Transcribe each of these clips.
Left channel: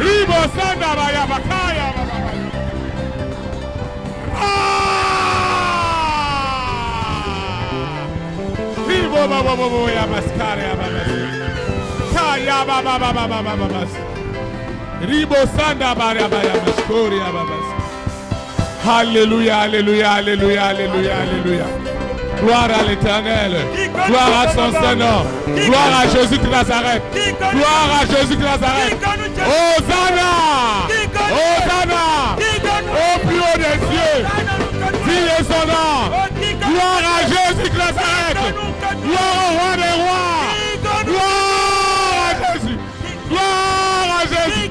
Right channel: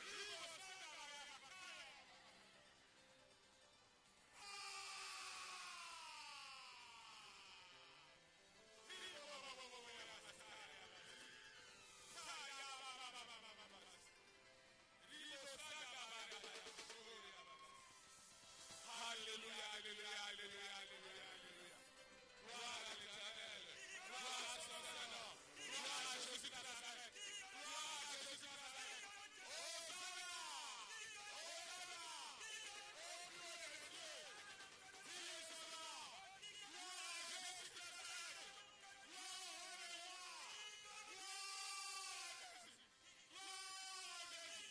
Ribo Sanda Baya Bakaya. Ribo Babo Ya Mascaria Babas. Kaya Baba Babas. Ribo Sanda Baya Baya Mascoria Babas. Alléluia, alléluia, alléluia, alléluia, alléluia. Gloire à l'Éternel. Gloire à son Saint-Nom. Gloire à Jésus de Nazareth. Gloire à Jésus de Nazareth. Hosanna. Hosanna. Au plus haut des cieux. Dis son nom. Gloire à Jésus de Nazareth. Gloire au roi des rois. Gloire à Jésus. Gloire à Jésus.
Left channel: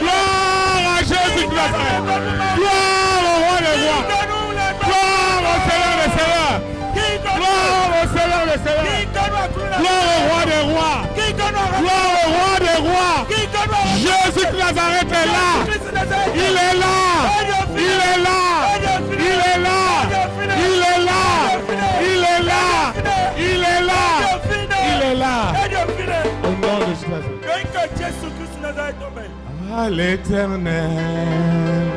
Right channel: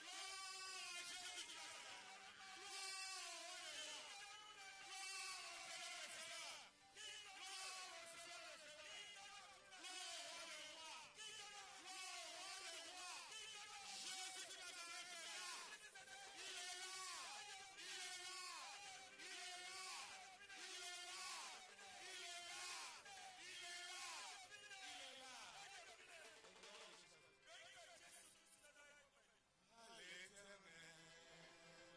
Gloire à Jésus de Nazareth. Gloire au roi des rois. Gloire au Seigneur des seigneurs. Gloire au Seigneur des seigneurs. Gloire au roi des rois. Gloire au roi des rois. Jésus de Nazareth est là. Il est là. Il est là. Il est là. Il est là. Il est là. Il est là. Il est là. Au nom de Jésus. À l'Éternel.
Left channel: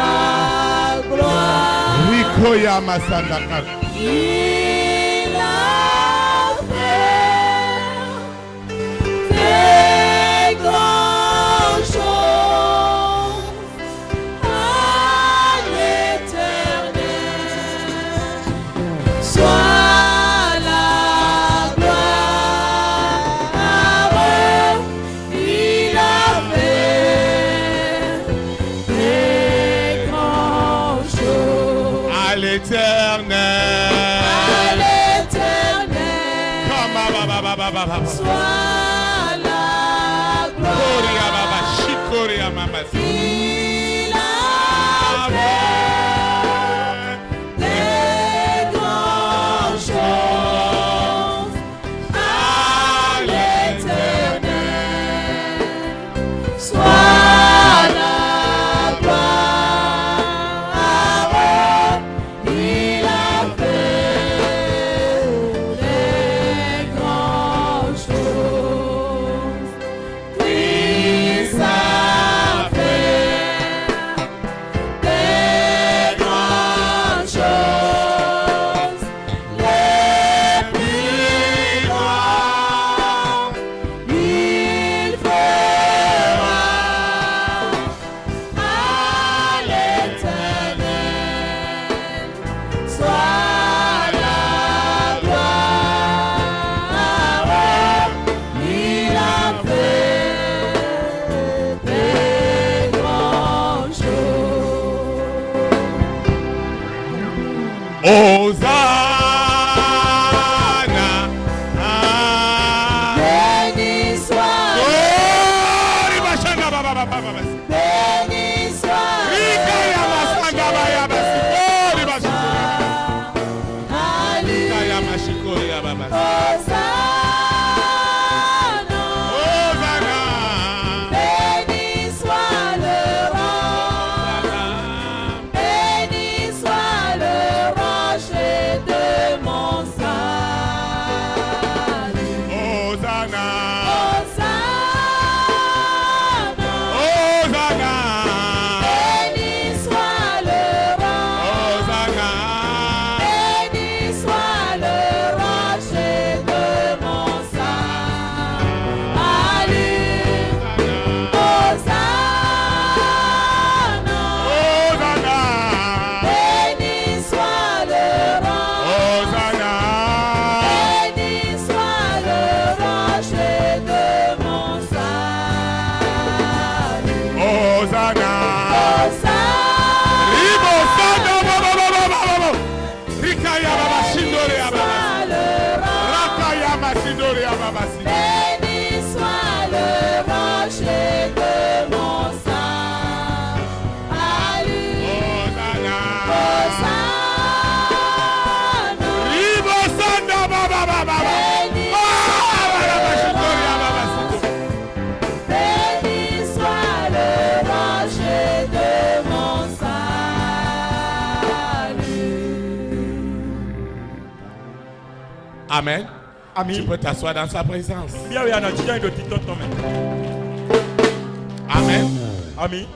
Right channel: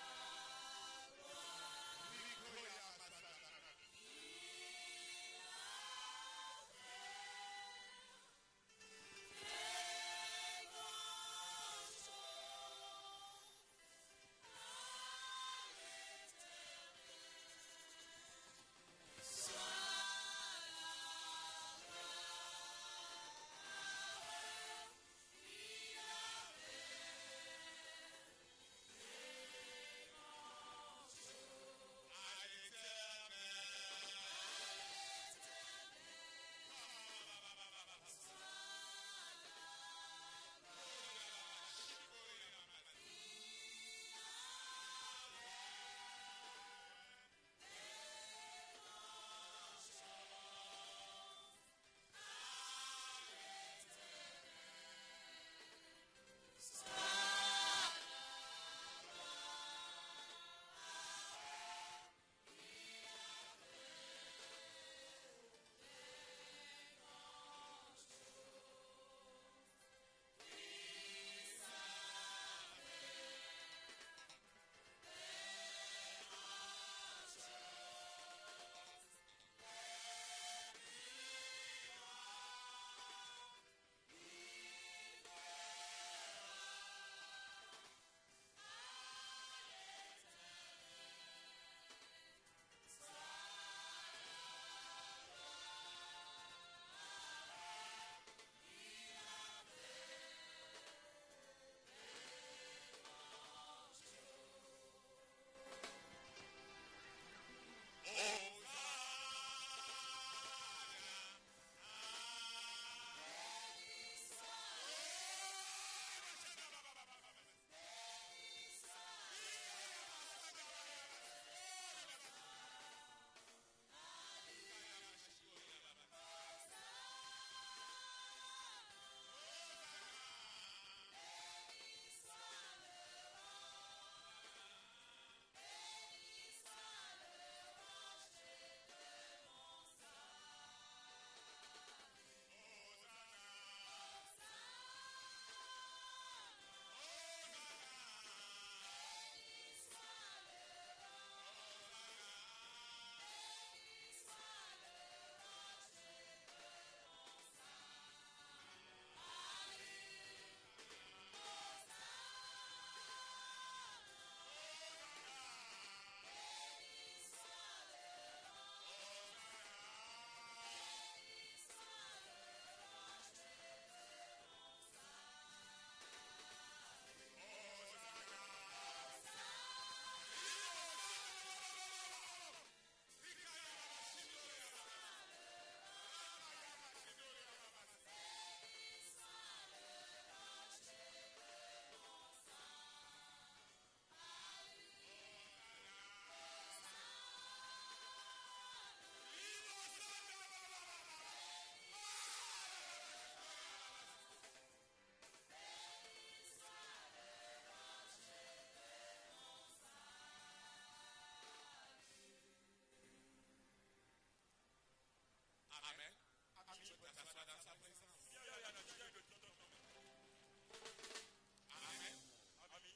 Voilà, gloire. Rikoya Masandaka. Il a fait des grandes choses à l'Éternel. Soit la gloire. Il a fait des grandes choses À l'Éternel. à l'Éternel. Soit la gloire. Shikoria Mama. Il a fait des grandes choses à l'Éternel. Soit la gloire. Il a fait des grandes choses. Christ a fait des grandes choses. Les plus grands, il fera à l'Éternel. Soit la gloire. Il a fait des grandes choses. Hosanna. Béni soit, Glory Bashana Baba Baba. béni soit Rikaya Masanda Baya Basi. Glory Bashana. Alléluia. Rikaya Mashikoria Baba. Hosanna. Hosanna. Béni soit le roi. Béni soit le rocher de mon salut. Hosanna. Hosanna. Hosanna. Béni soit le roi. Hosanna. Béni soit le rocher de mon salut. Hosanna. Hosanna. Béni soit le roi. Hosanna. Béni soit le rocher de mon salut. Hosanna. Hosanna. Ribo Sanda Baba Baba Baba. Rikaya Baba Shindore Baba. Soit le roi. Rakaya Masindore Baba. Béni soit le rocher de mon salut. Hosanna. Hosanna. Ribo Sanda Baba Baba. Béni Baba Shindore Baba. Béni soit le rocher de mon salut. Amen. Tu Ami. peux t'asseoir dans sa présence. Bien oui, ana tija ndo titon tome. Amen. Ami.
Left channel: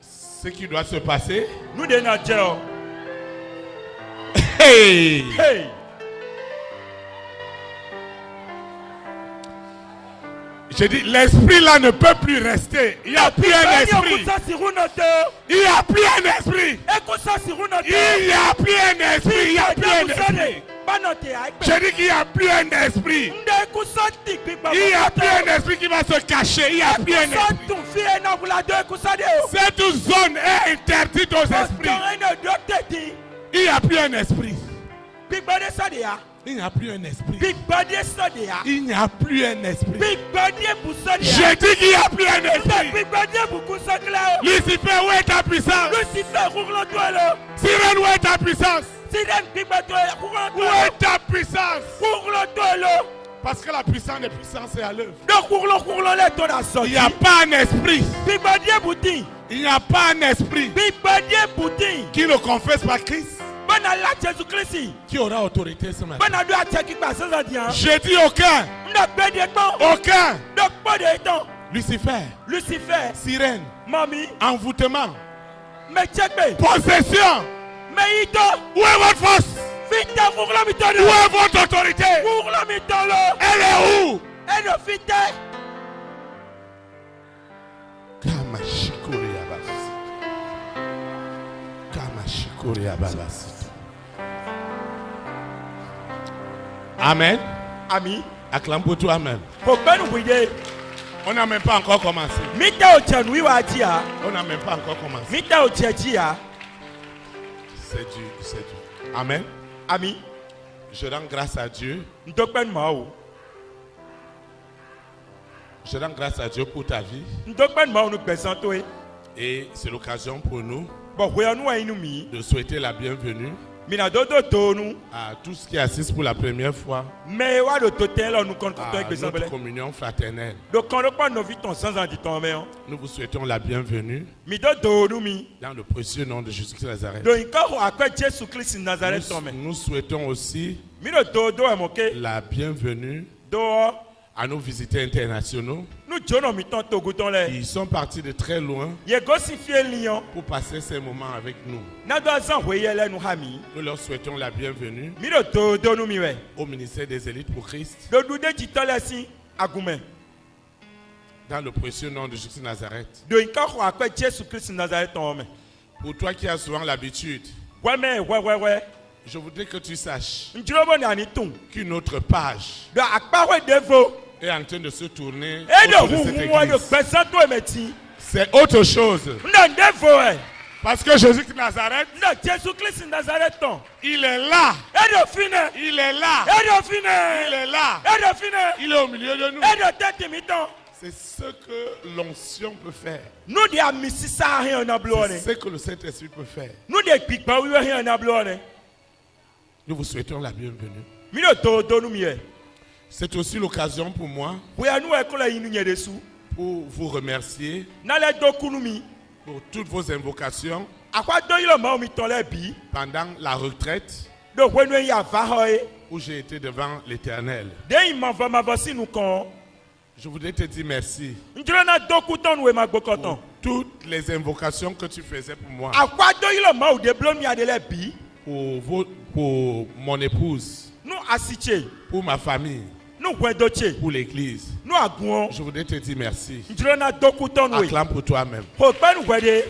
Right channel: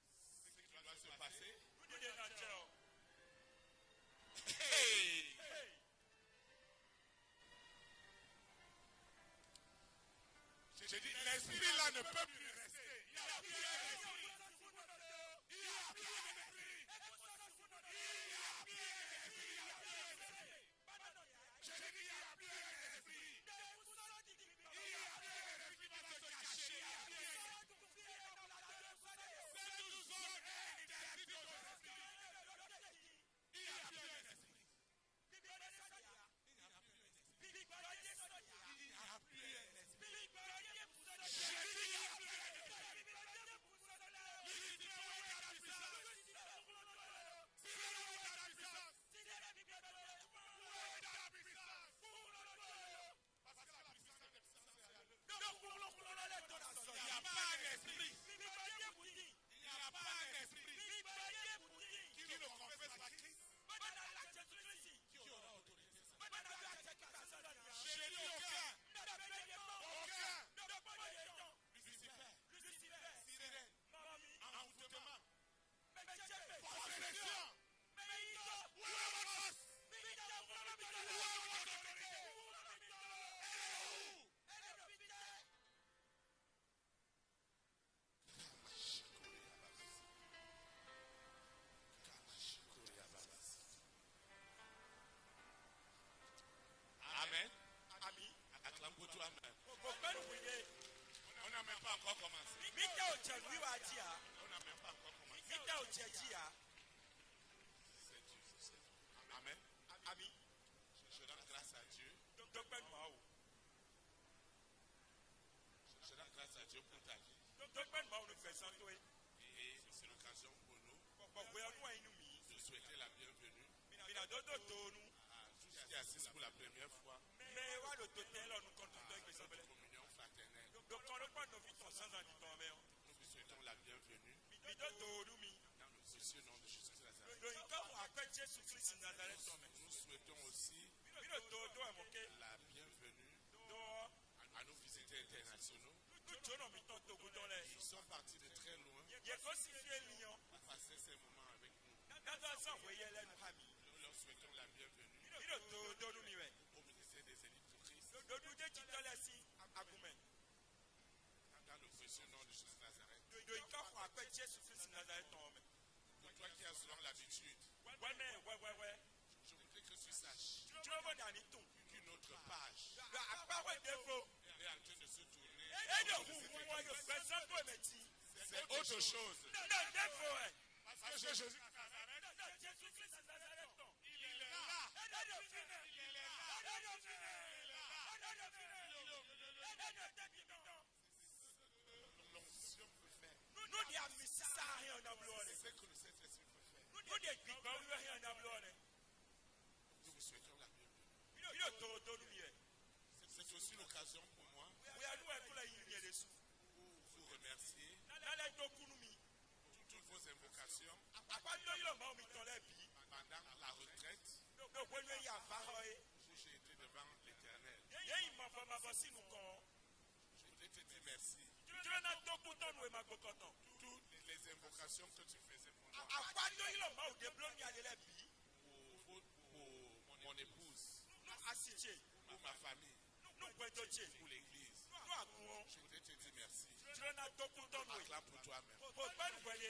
Ce qui doit se passer. Nous de na jeo. Hey! Hey. Je dis, l'esprit là ne peut plus rester. Il n'y a plus un esprit. Ekusa sirunote. Il n'y a plus un esprit. Ekusa sirunote. Il n'y a plus un esprit. Il n'y a plus un esprit. Banote ai. Je dis qu'il n'y a plus un esprit. Nde ekusa tikpi ba. Il n'y a plus un esprit qui va se cacher. Il n'y a plus un esprit. Tu fie na bula de ekusa de o. Cette zone est interdite aux esprits. Il n'y a plus un esprit. Big body sadia. Il n'y a plus un esprit. Big body sadia. Il n'y a plus un esprit. Big body busadia. Je dis qu'il n'y a plus un esprit. Big body bukusakla. Lucifer, où est ta puissance? Lucifer rouglo toilo. Sirène, où est ta puissance? Siden big body rouglo Où toilo. est ta puissance? Rouglo toilo. Parce que la puissance des puissances est à l'œuvre. Donc rouglo le tona Il sorti. n'y a pas un esprit. Big body bouti. Il n'y a pas un esprit Big body bouti. qui le confesse par Christ Bana la Jésus Christ. qui aura autorité ce matin. Bana do ateki pa sanzadia. Je dis aucun. Nda bede ton. Aucun. Donc pas de ton. Lucifer, Lucifer. sirène, Mami. envoûtement, Me checkbe. possession. Me ito. Où est votre force? Fita rouglo Où mitolo. est votre autorité? Rouglo mitolo. Elle est où? Eno fite. Kamashikori Ababasi. Kamashikori Ababasi. Amen. Ami. Acclame pour toi, Amen. Pokbenu buide. On n'a même pas encore commencé. Mita ochanui wa tia. On n'a même pas encore commencé. Mita ochechia. C'est Dieu, c'est Dieu. Amen. Ami. Je rends grâce à Dieu. Ndokben mao. Je rends grâce à Dieu pour ta vie. Ndokben mao nous besanto e. Et c'est l'occasion pour nous Bon voyons-nous à inumi. de souhaiter la bienvenue Mina dodo tonu. à tous qui assistent pour la première fois Mais wa do totel nous compte à toi avec notre besanbele. communion fraternelle. Donc quand on pas nos vies ton sans en dit ton mais. Nous vous souhaitons la bienvenue Mi dodo nous mi. dans le précieux nom de Jésus-Christ de Nazareth. Donc quand akwe Jésus Christ Nazareth ton mais. Nous souhaitons aussi Mi do dodo e moke. la bienvenue Do à nos visiteurs internationaux nous jono mi ton togo ton le. qui sont partis de très loin Ye gosifie lion. pour passer ces moments avec nous. Na do azan voyele nous hami. Nous leur souhaitons la bienvenue Mi do dodo nous mi we. au ministère des élites pour Christ Do dude jitole si agumen. dans le précieux nom de Jésus de Nazareth. Do inka ko akwe Jésus Christ Nazareth ton me. Pour toi qui as souvent l'habitude, Ouais mais ouais. je voudrais que tu saches Njurobo ni ani tun. qu'une autre page Do akpawe devo. est en train de se tourner E do autour de cette huhu wa do église. besanto emeti. C'est autre chose. Nda devo e. Parce que Jésus de Nazareth, Nda Jésus Christ Nazareth ton. il est là. E do fine. Il est là. E do Il fine. est là. E do fine. Il est au milieu de nous. E do tete mi ton. C'est ce que l'onction peut faire. Nou de amisisa hin na blone. C'est ce que le Saint-Esprit peut faire. Nou de gbigba wiwe hin na blone. Nous vous souhaitons la bienvenue. Mi do dodo nous mi e. C'est aussi l'occasion pour moi Boya nou e ko la yinu nye desu. pour vous remercier Na le do kunu mi. pour toutes vos invocations Akwa do yilo ma mi ton le bi. pendant la retraite Do wenu ya va ho e. où j'ai été devant l'Éternel. De ima va ma vosi nou kon. Je voudrais te dire merci Njuro na do kuton nou e ma gbokoton. toutes les invocations que tu faisais pour moi, Akwa do yilo ma ou de blon mi adele bi. pour mon épouse, Nou asiche. pour ma famille, Nou gwendoche. pour l'Église. Nou agun. Je voudrais te dire merci. Njuro na do kuton nou e. Acclame pour toi-même. Ho pa nou gwede.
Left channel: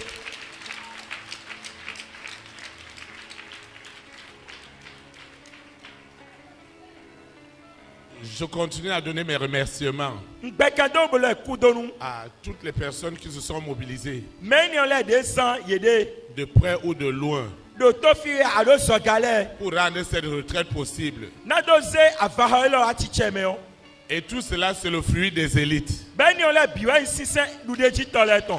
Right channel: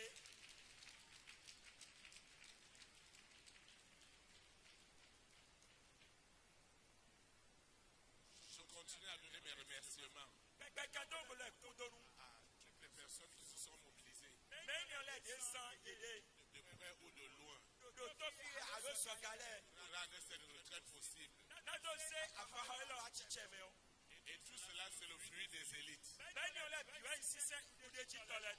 Je continue à donner mes remerciements Ngbekado bole kudo nou. à toutes les personnes qui se sont mobilisées Men yon le de san yede. de près ou de loin Do to fi alo so gale. pour rendre cette retraite possible. Na do ze avaha lo atiche me yo. Et tout cela, c'est le fruit des élites. Ben yon le biwa insisen lude jitole ton.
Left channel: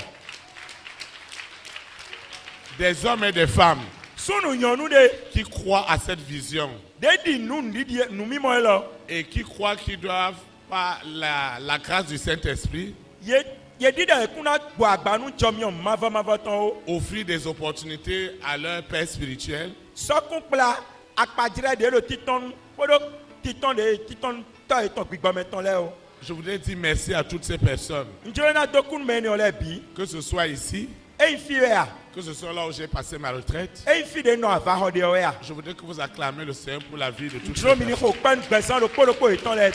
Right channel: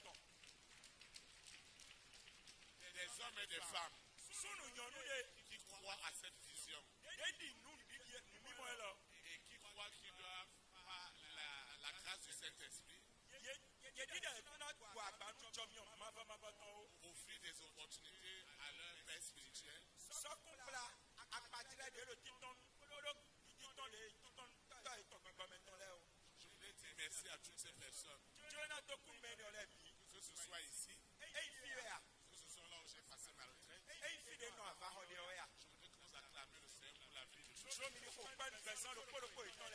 Des hommes et des femmes Sunu yon nou de. qui croient à cette vision De di nou ndi nou mi mo lo. et qui croient qu'ils doivent, par la grâce du Saint-Esprit, Ye di de kuna bo agba nou chom yon mava ton o. offrir des opportunités à leur père spirituel So kun pla akpadire de lo titon. Podo titan de titan ta eton gbigba meton le o. Je voudrais dire merci à toutes ces personnes, Njoro na dokun me ni ole bi. que ce soit ici, E fi we a. que ce soit là où j'ai passé ma retraite. E fi de no ava ho de we a. Je voudrais que vous acclamez le Seigneur pour la vie de toutes ces Njoro mi ni personnes. ko pan gbesan lo po eton le.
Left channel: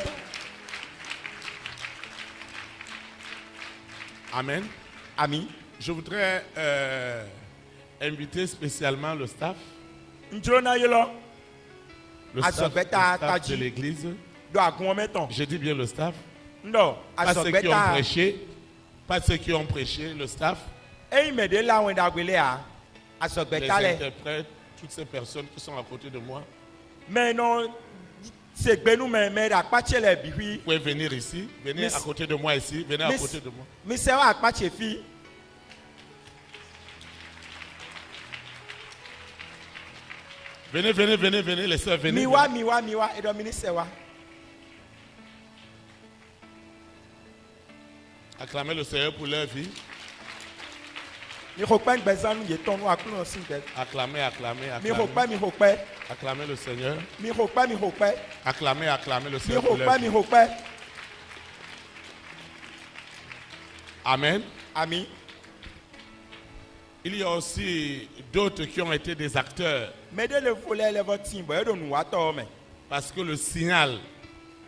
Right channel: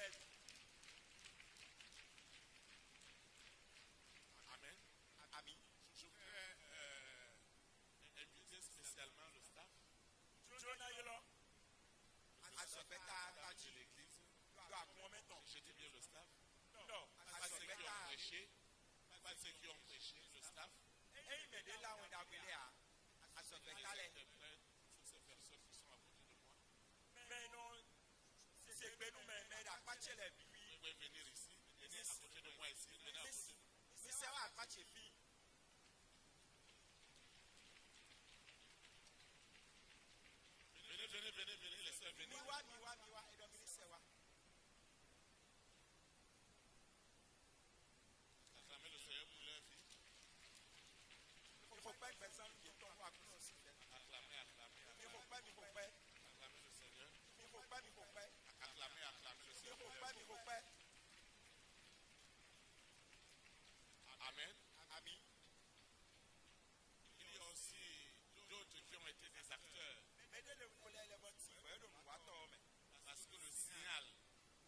Amen. Ami. Je voudrais inviter spécialement le staff, Njoro na yelo le Ah, staff, ça fait le ta- staff ta de dit. l'église. do agun meton. Je dis bien le staff. Ndo Pas ceux qui ont asogbeta. prêché, pas ceux qui ont prêché, le staff, E me de la won da gbele a. les Asogbeta le. interprètes, toutes ces personnes qui sont à côté de moi. Mais non c'est gbenu me da pache le bi wi. Vous pouvez venir ici, venez Miss- à côté de moi ici, venez à Miss- côté de moi. Mi se wa pache fi. Venez, venez, venez, venez, les sœurs, venez. Miwa edo mi ni se wa. Acclamez le Seigneur pour leur vie. Mi ko pen gbesan nu ye ton wa kun si be. Acclamez, acclamez, Mi ko acclamez. pa mi ko pe. Acclamez le Seigneur. Mi ko pa mi ko pe. Acclamez, acclamez le Mi Seigneur ko pour leur pa vie. mi ko pe. Amen. Ami. Il y a aussi d'autres qui ont été des acteurs Me de le voler le votin bo edo nu wa to me. parce que le signal,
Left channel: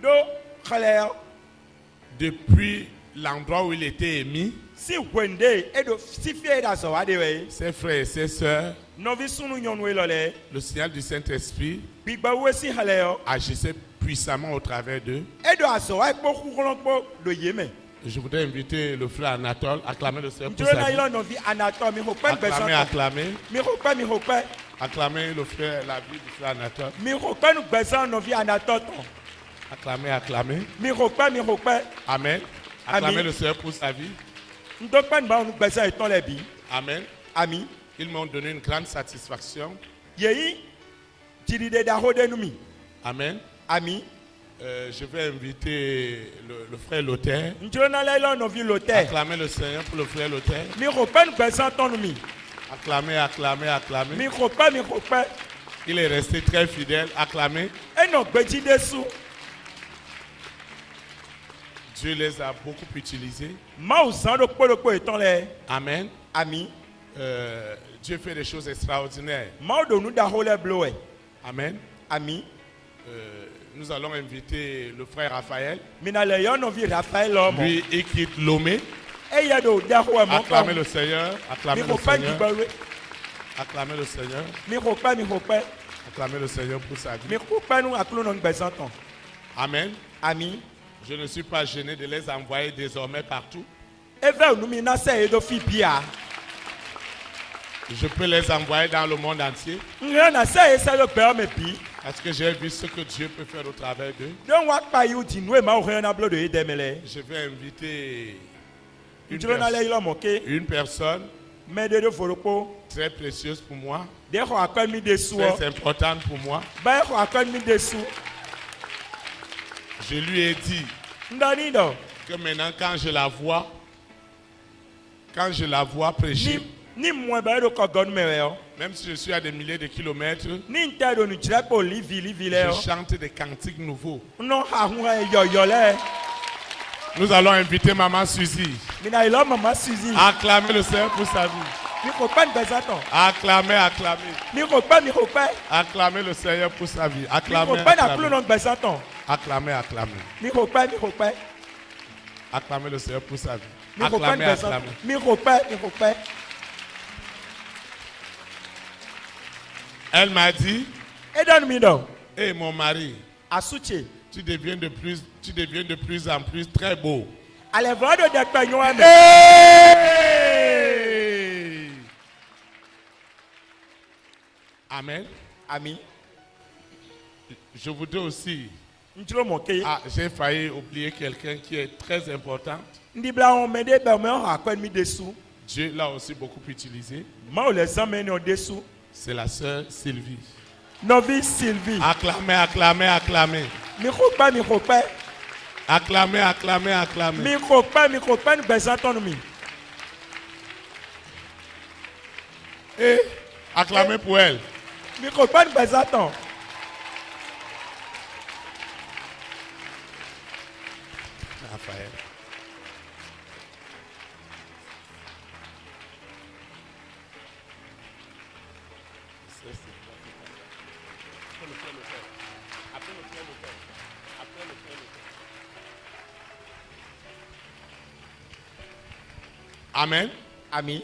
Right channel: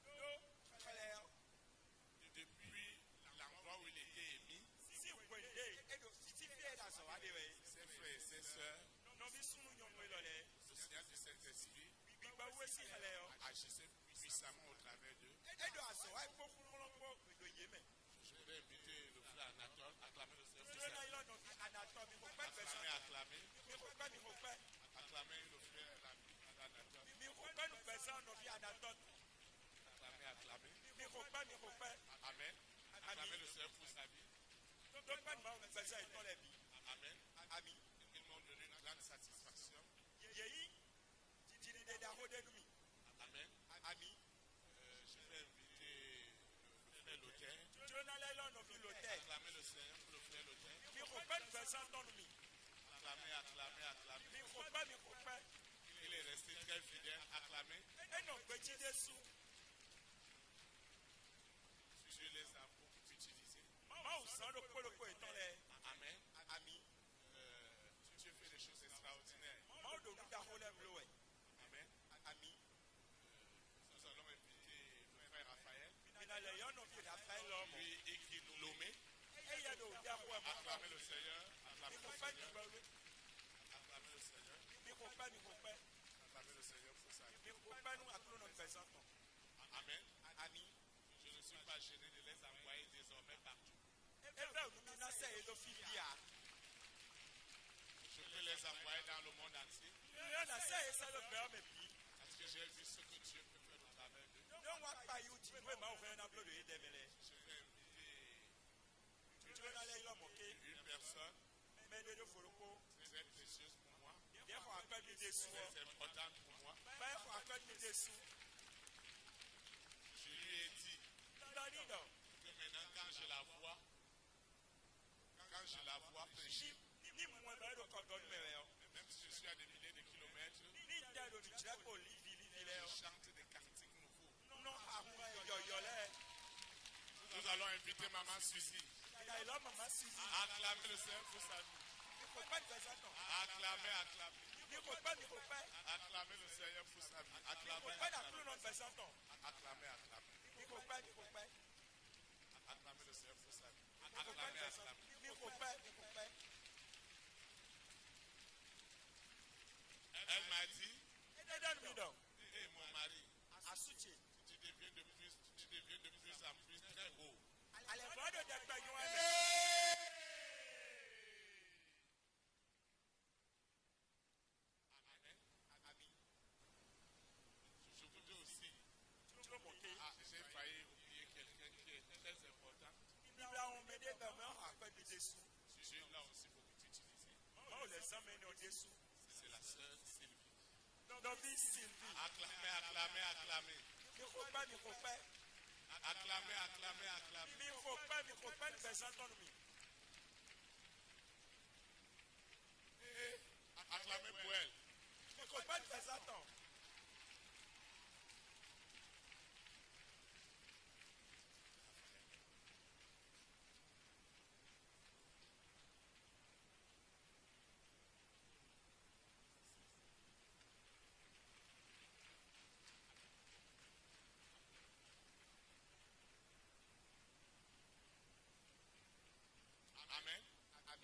Do khale depuis l'endroit où il était émis, si wende edo si fie da so wa de we. ses frères et ses sœurs, No vi sunu nyonu e lo le. le signal du Saint-Esprit Gbigba we si khale yo. agissait puissamment au travers d'eux. Edo aso wa po kukulon po do ye me. Je voudrais inviter le frère Anatole, acclamer le Seigneur pour Njoro sa na vie. yelo no vi anato mi ko pen Acclamer, gbesan. acclamer, Mi ko pe mi ko pe. acclamer le frère, la vie du frère Anatole. Mi ko pe nu gbesan no vi anato ton. Acclamer, acclamer. Mi ko pe mi ko pe. Amen. Acclamer Amen. le Seigneur pour sa vie. Ndo pen ba nu gbesan eton le bi. Amen. Ami. Ils m'ont donné une grande satisfaction. Yeyi tiride da hode nu mi. Amen. Ami. Je vais inviter le frère Lothaire. Njoro na yelo no vi lote. Acclamer le Seigneur pour le frère Lothaire. Mi ko pe nu gbesan ton nu mi. Acclamer, acclamer, acclamer. Mi ko pe mi ko pe. Il est resté très fidèle. Acclamer. Eno gbeji desu. Dieu les a beaucoup utilisés. Ma o san do po eton le. Amen. Ami. Dieu fait des choses extraordinaires. Ma o do nu da hole blowe. Amen. Ami. Nous allons inviter le frère Raphaël. Mi na le yo no vi Raphaël lo mo. Lui, il quitte Lomé. E ye do da ho mo. Acclamer le Seigneur. Acclamer Mi le ko pe Seigneur. gbigba we. Acclamer le Seigneur. Mi ko pe mi ko pe. Acclamer le Seigneur pour sa vie. Mi ko pe nu akulu no gbesan ton. Amen. Ami. Je ne suis pas gêné de les envoyer désormais partout. Eve nu mi na se edo fi bia. Je peux les envoyer dans le monde entier Nre na se e se do pe o me bi. parce que j'ai vu ce que Dieu peut faire au travers d'eux. Don wa pa yu di nu e ma o re na blo do e demele. Je vais inviter Njoro na le ilo mo ke. une personne Me de do foropo. très précieuse pour moi, De ho akon mi desu o. très importante pour moi. Ba ho akon mi desu. Je lui ai dit Ndani do. que maintenant quand je la vois prêcher, Ni mo ba do ko gonu me we o. même si je suis à des milliers de kilomètres, Ni nte do nu jire po livi le o. je chante des cantiques nouveaux. No ha hu e yo le. Nous allons inviter Maman Suzy. Mi na ilo mama Suzy. Acclamer le Seigneur pour sa vie. Mi ko pe gbesan ton. Acclamer, acclamer. Mi ko pe. Acclamer le Seigneur pour sa vie. Mi ko Acclamer, pe na akulu acclamer. no gbesan ton. Acclamer, acclamer. Mi ko pe. Acclamer le Seigneur pour sa vie. Mi ko pe Acclamer, gbesan. acclamer. Mi ko pe. Elle m'a dit, E don mi do. hé mon mari, Asuche. tu deviens de plus en plus très beau. Ale vra do de pe nyo ame. Hey! Amen. Ami. Je voudrais aussi, Njoro mo ke. j'ai failli oublier quelqu'un qui est très important. Ndi bla on me de be me ho akon mi desu. Dieu l'a aussi beaucoup utilisé. Ma o le san me ni o desu. C'est la sœur Sylvie. Novi Sylvie. Acclamez, acclamez, acclamez. Mi ko pe. Acclamez, acclamez, acclamez. Mi ko pe nu gbesan ton nu mi. Et acclamez pour elle. Mi ko pe nu gbesan ton. Amen. Ami.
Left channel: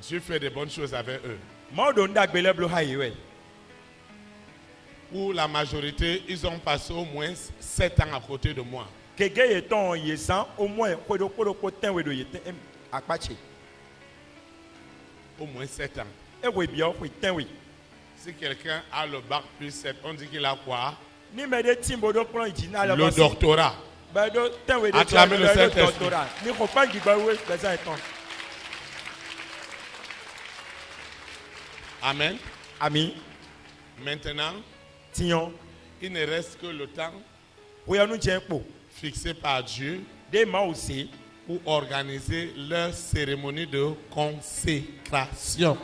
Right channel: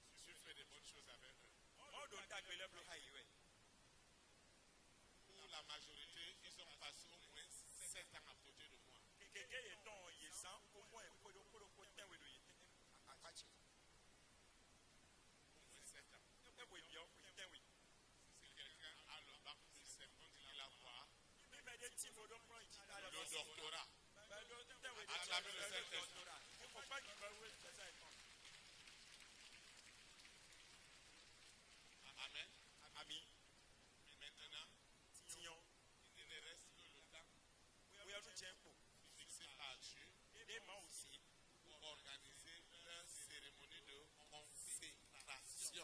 Dieu fait de bonnes choses avec eux. Modo ndagbele blo hayiwe. Pour la majorité, ils ont passé au moins 7 ans à côté de moi. Kege yeton yesan au moins kodo ten wedo yeten akpache. Au moins 7 ans. Ewe bio ko ten we. Si quelqu'un a le bac plus 7, on dit qu'il a quoi? Ni mede timbodo plan ijina la Le doctorat. Bedo ten wedo Acclamez le Saint-Esprit. doctorat. Ni ko pa gigba we beza eton. Amen. Ami. Maintenant, Tion. il ne reste que le temps Oya nu jenpo. fixé par Dieu De ma aussi. pour organiser leur cérémonie de consécration.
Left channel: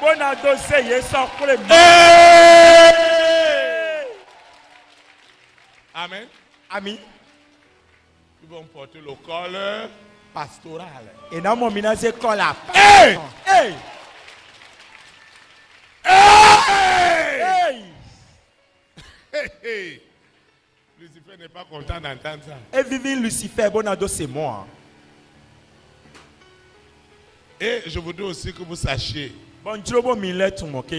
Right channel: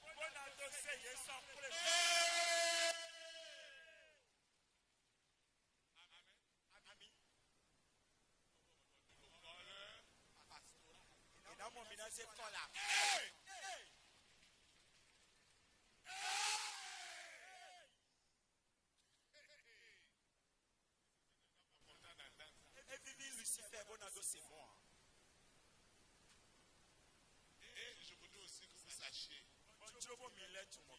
Bonado se yesan kule. Amen. Ami. Ils vont porter le col pastoral. Et na mo mina se kola. Hey! Hey! Hey! Hey! Hey, hey. Lucifer n'est pas content d'entendre ça. Et Vivi Lucifer, Bonado, c'est moi. Et je voudrais aussi que vous sachiez, Bon, Jobo Millet, tu moques.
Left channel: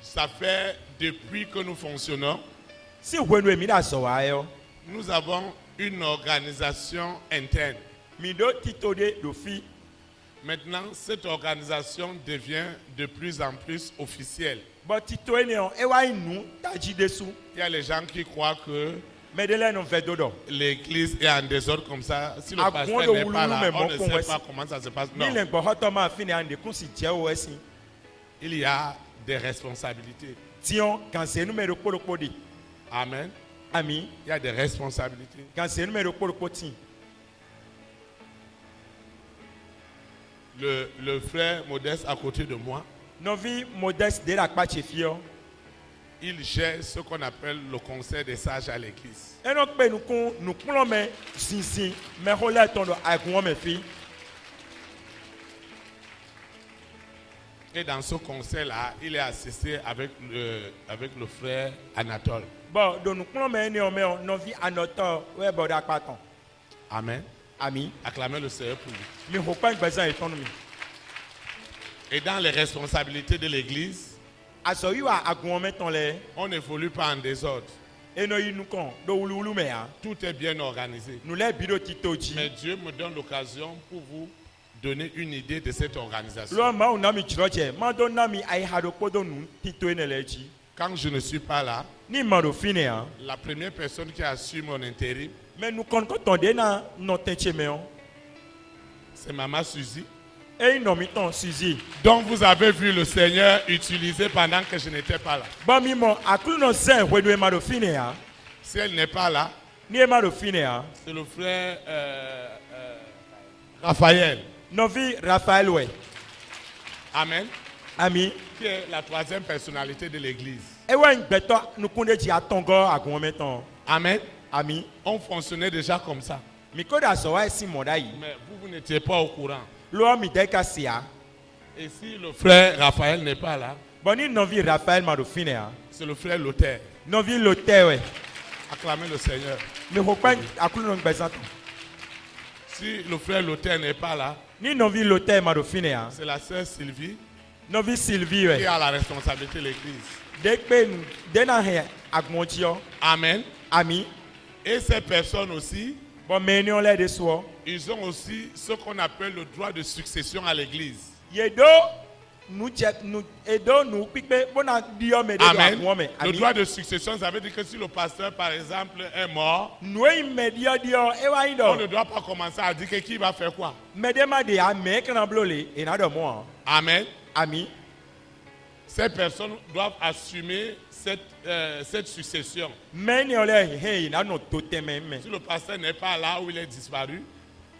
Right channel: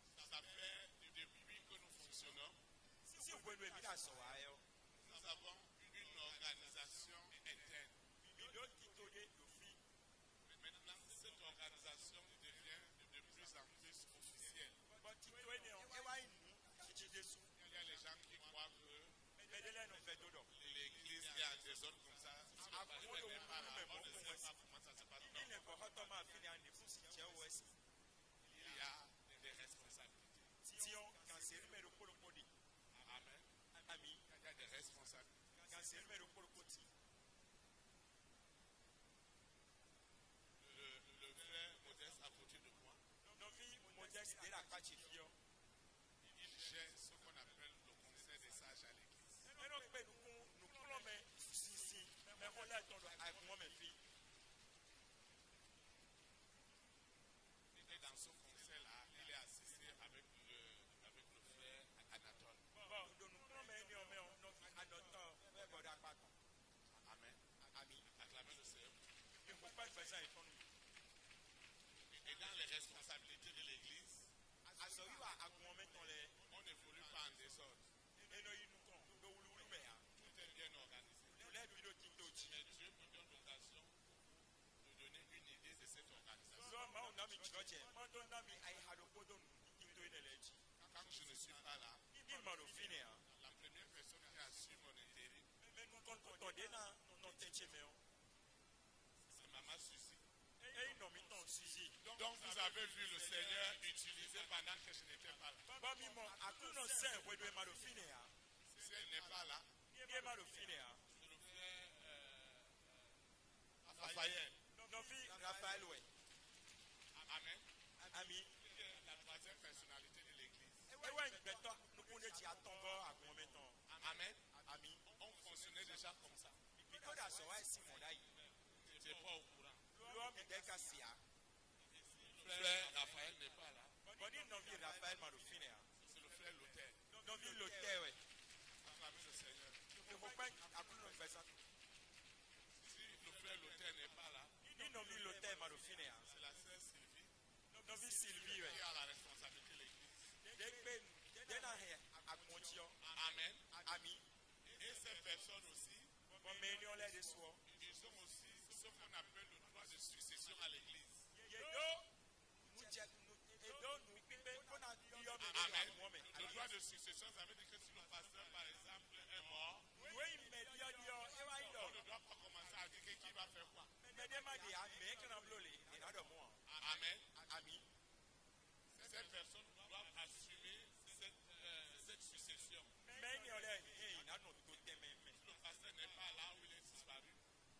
ça fait depuis que nous fonctionnons, Si vous voulez me dire, nous avons une organisation interne. Mido Titode Dofi. Maintenant, cette organisation devient de plus en plus officielle. Bon, Tito Eneon, Ewa Inu, Taji Dessou. Il y a les gens qui croient que Medelen on fait dodo. l'église est en désordre comme ça. Si le À pasteur Gwondo n'est pas là, Wulu, mais on ne bon, sait voici. pas comment ça se passe. Ni Non, l'engo hotoma fini ande kunsi tia oesi. il y a des responsabilités. Tion, quand c'est numéro polo podi. Amen. Ami, Il y a des responsabilités. quand c'est numéro polo poti. Le frère Modeste à côté de moi, Novi modeste de la Pache Fio. il gère ce qu'on appelle le conseil des sages à l'église. Eno pe nous prenons mais sinsin mais relais ton agouan mes filles. Et dans ce conseil-là, il est assisté avec le frère Anatole. Bon, donc nous prenons mais néanmoins nos vies à notre ouais bon d'accord. Amen. Ami, Acclamez le Seigneur pour lui. mais faut pas besoin économie. Et dans les responsabilités de l'église, Asoyiwa agouan meton les on n'évolue pas en désordre. et nous nous con do wulu mais hein. Tout est bien organisé. Nous les bidot titoji. Mais Dieu me donne l'occasion pour vous donner une idée de cette organisation. Lo ma on ami chiroche, ma don nami ai hado podo nu tito eneleji. Quand je ne suis pas là, Ni maro fine hein. la première personne qui assure mon intérim, Mais nous quand on dena non tenche meon. c'est Maman Suzy. Et non mi ton Suzy. Donc vous avez vu le Seigneur utiliser pendant que je n'étais pas là. Ba mi mo akulu no zen wedo e maro fine hein. Si elle n'est pas là, Ni e maro fine hein. c'est le frère Raphaël. Novi Raphaël ouais. Amen. Ami, Qui est la troisième personnalité de l'église. e wa ngbeto nous konde ji atongo agouan meton. Amen. Ami, On fonctionnait déjà comme ça. mi koda so wa si moda yi. Mais vous n'étiez pas au courant. Lo mi deka sia. Et si le frère Raphaël n'est pas là, Boni novi Raphaël maro fine hein. c'est le frère Lothaire. Novi Lotte ouais. Acclamez le Seigneur. Mi faut pas akulu no ngbesan. Si le frère Lothaire n'est pas là, Ni novi Lotte maro fine hein. c'est la sœur Sylvie Novi Sylvie qui ouais. a la responsabilité de l'église. Dekpe nous dena he agmonjio. Amen. Ami, Et ces personnes aussi, bon meni on les de so. ils ont aussi ce qu'on appelle le droit de succession à l'église. Yedo nous check nous edo nous pique bona dio me de Amen. agouan me. Le Ami. droit de succession, ça veut dire que si le pasteur, par exemple, est mort, Nous immédiat dio e wa on ido. ne doit pas commencer à dire que qui va faire quoi. Medema de ame kana blole e na do mo. Amen. Ami, Ces personnes doivent assumer cette succession. meni on les hey na no totem me. Si le pasteur n'est pas là ou il est disparu,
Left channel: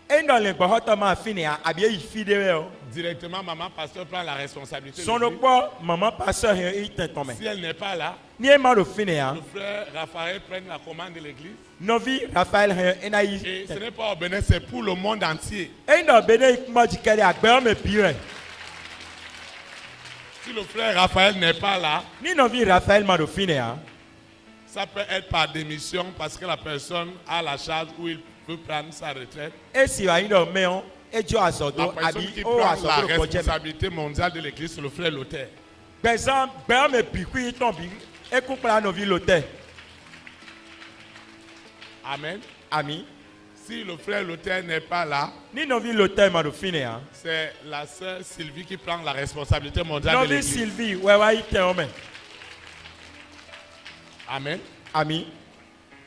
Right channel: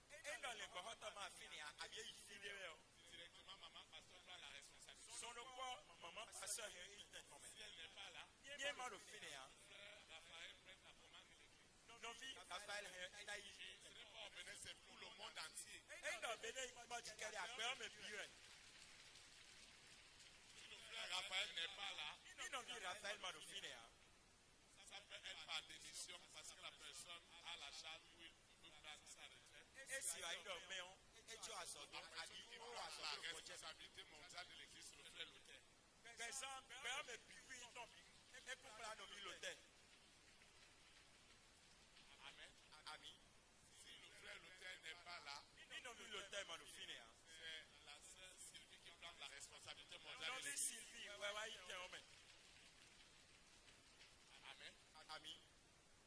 E dans le gbo hotoma fine a abie ifide we. directement, maman pasteur prend la responsabilité. de Son lui. okpo maman pasteur he iten me. Si elle n'est pas là, Ni e maro fine hein. le frère Raphaël prend la commande de l'église. Novi Raphaël he ena yi. Et ce n'est pas au Bénin, c'est pour le monde entier. E no bene ikmo jikere agbe me pire. Si le frère Raphaël n'est pas là, Ni novi Raphaël maro fine hein. ça peut être par démission parce que la personne a la charge ou il peut prendre sa retraite. esi wa yin do me on ejo La azodo personne abi qui o prend la azodo ko je responsabilité mondiale de l'église, c'est le frère Luther. gbezan gbe me bi ku ton bi e ku pla no vi lote Amen. ami Si le frère Luther n'est pas là, ni no vi lote ma do fine hein c'est la sœur Sylvie qui prend la responsabilité mondiale no de vi l'église. Sylvie we wa ite o me Amen. ami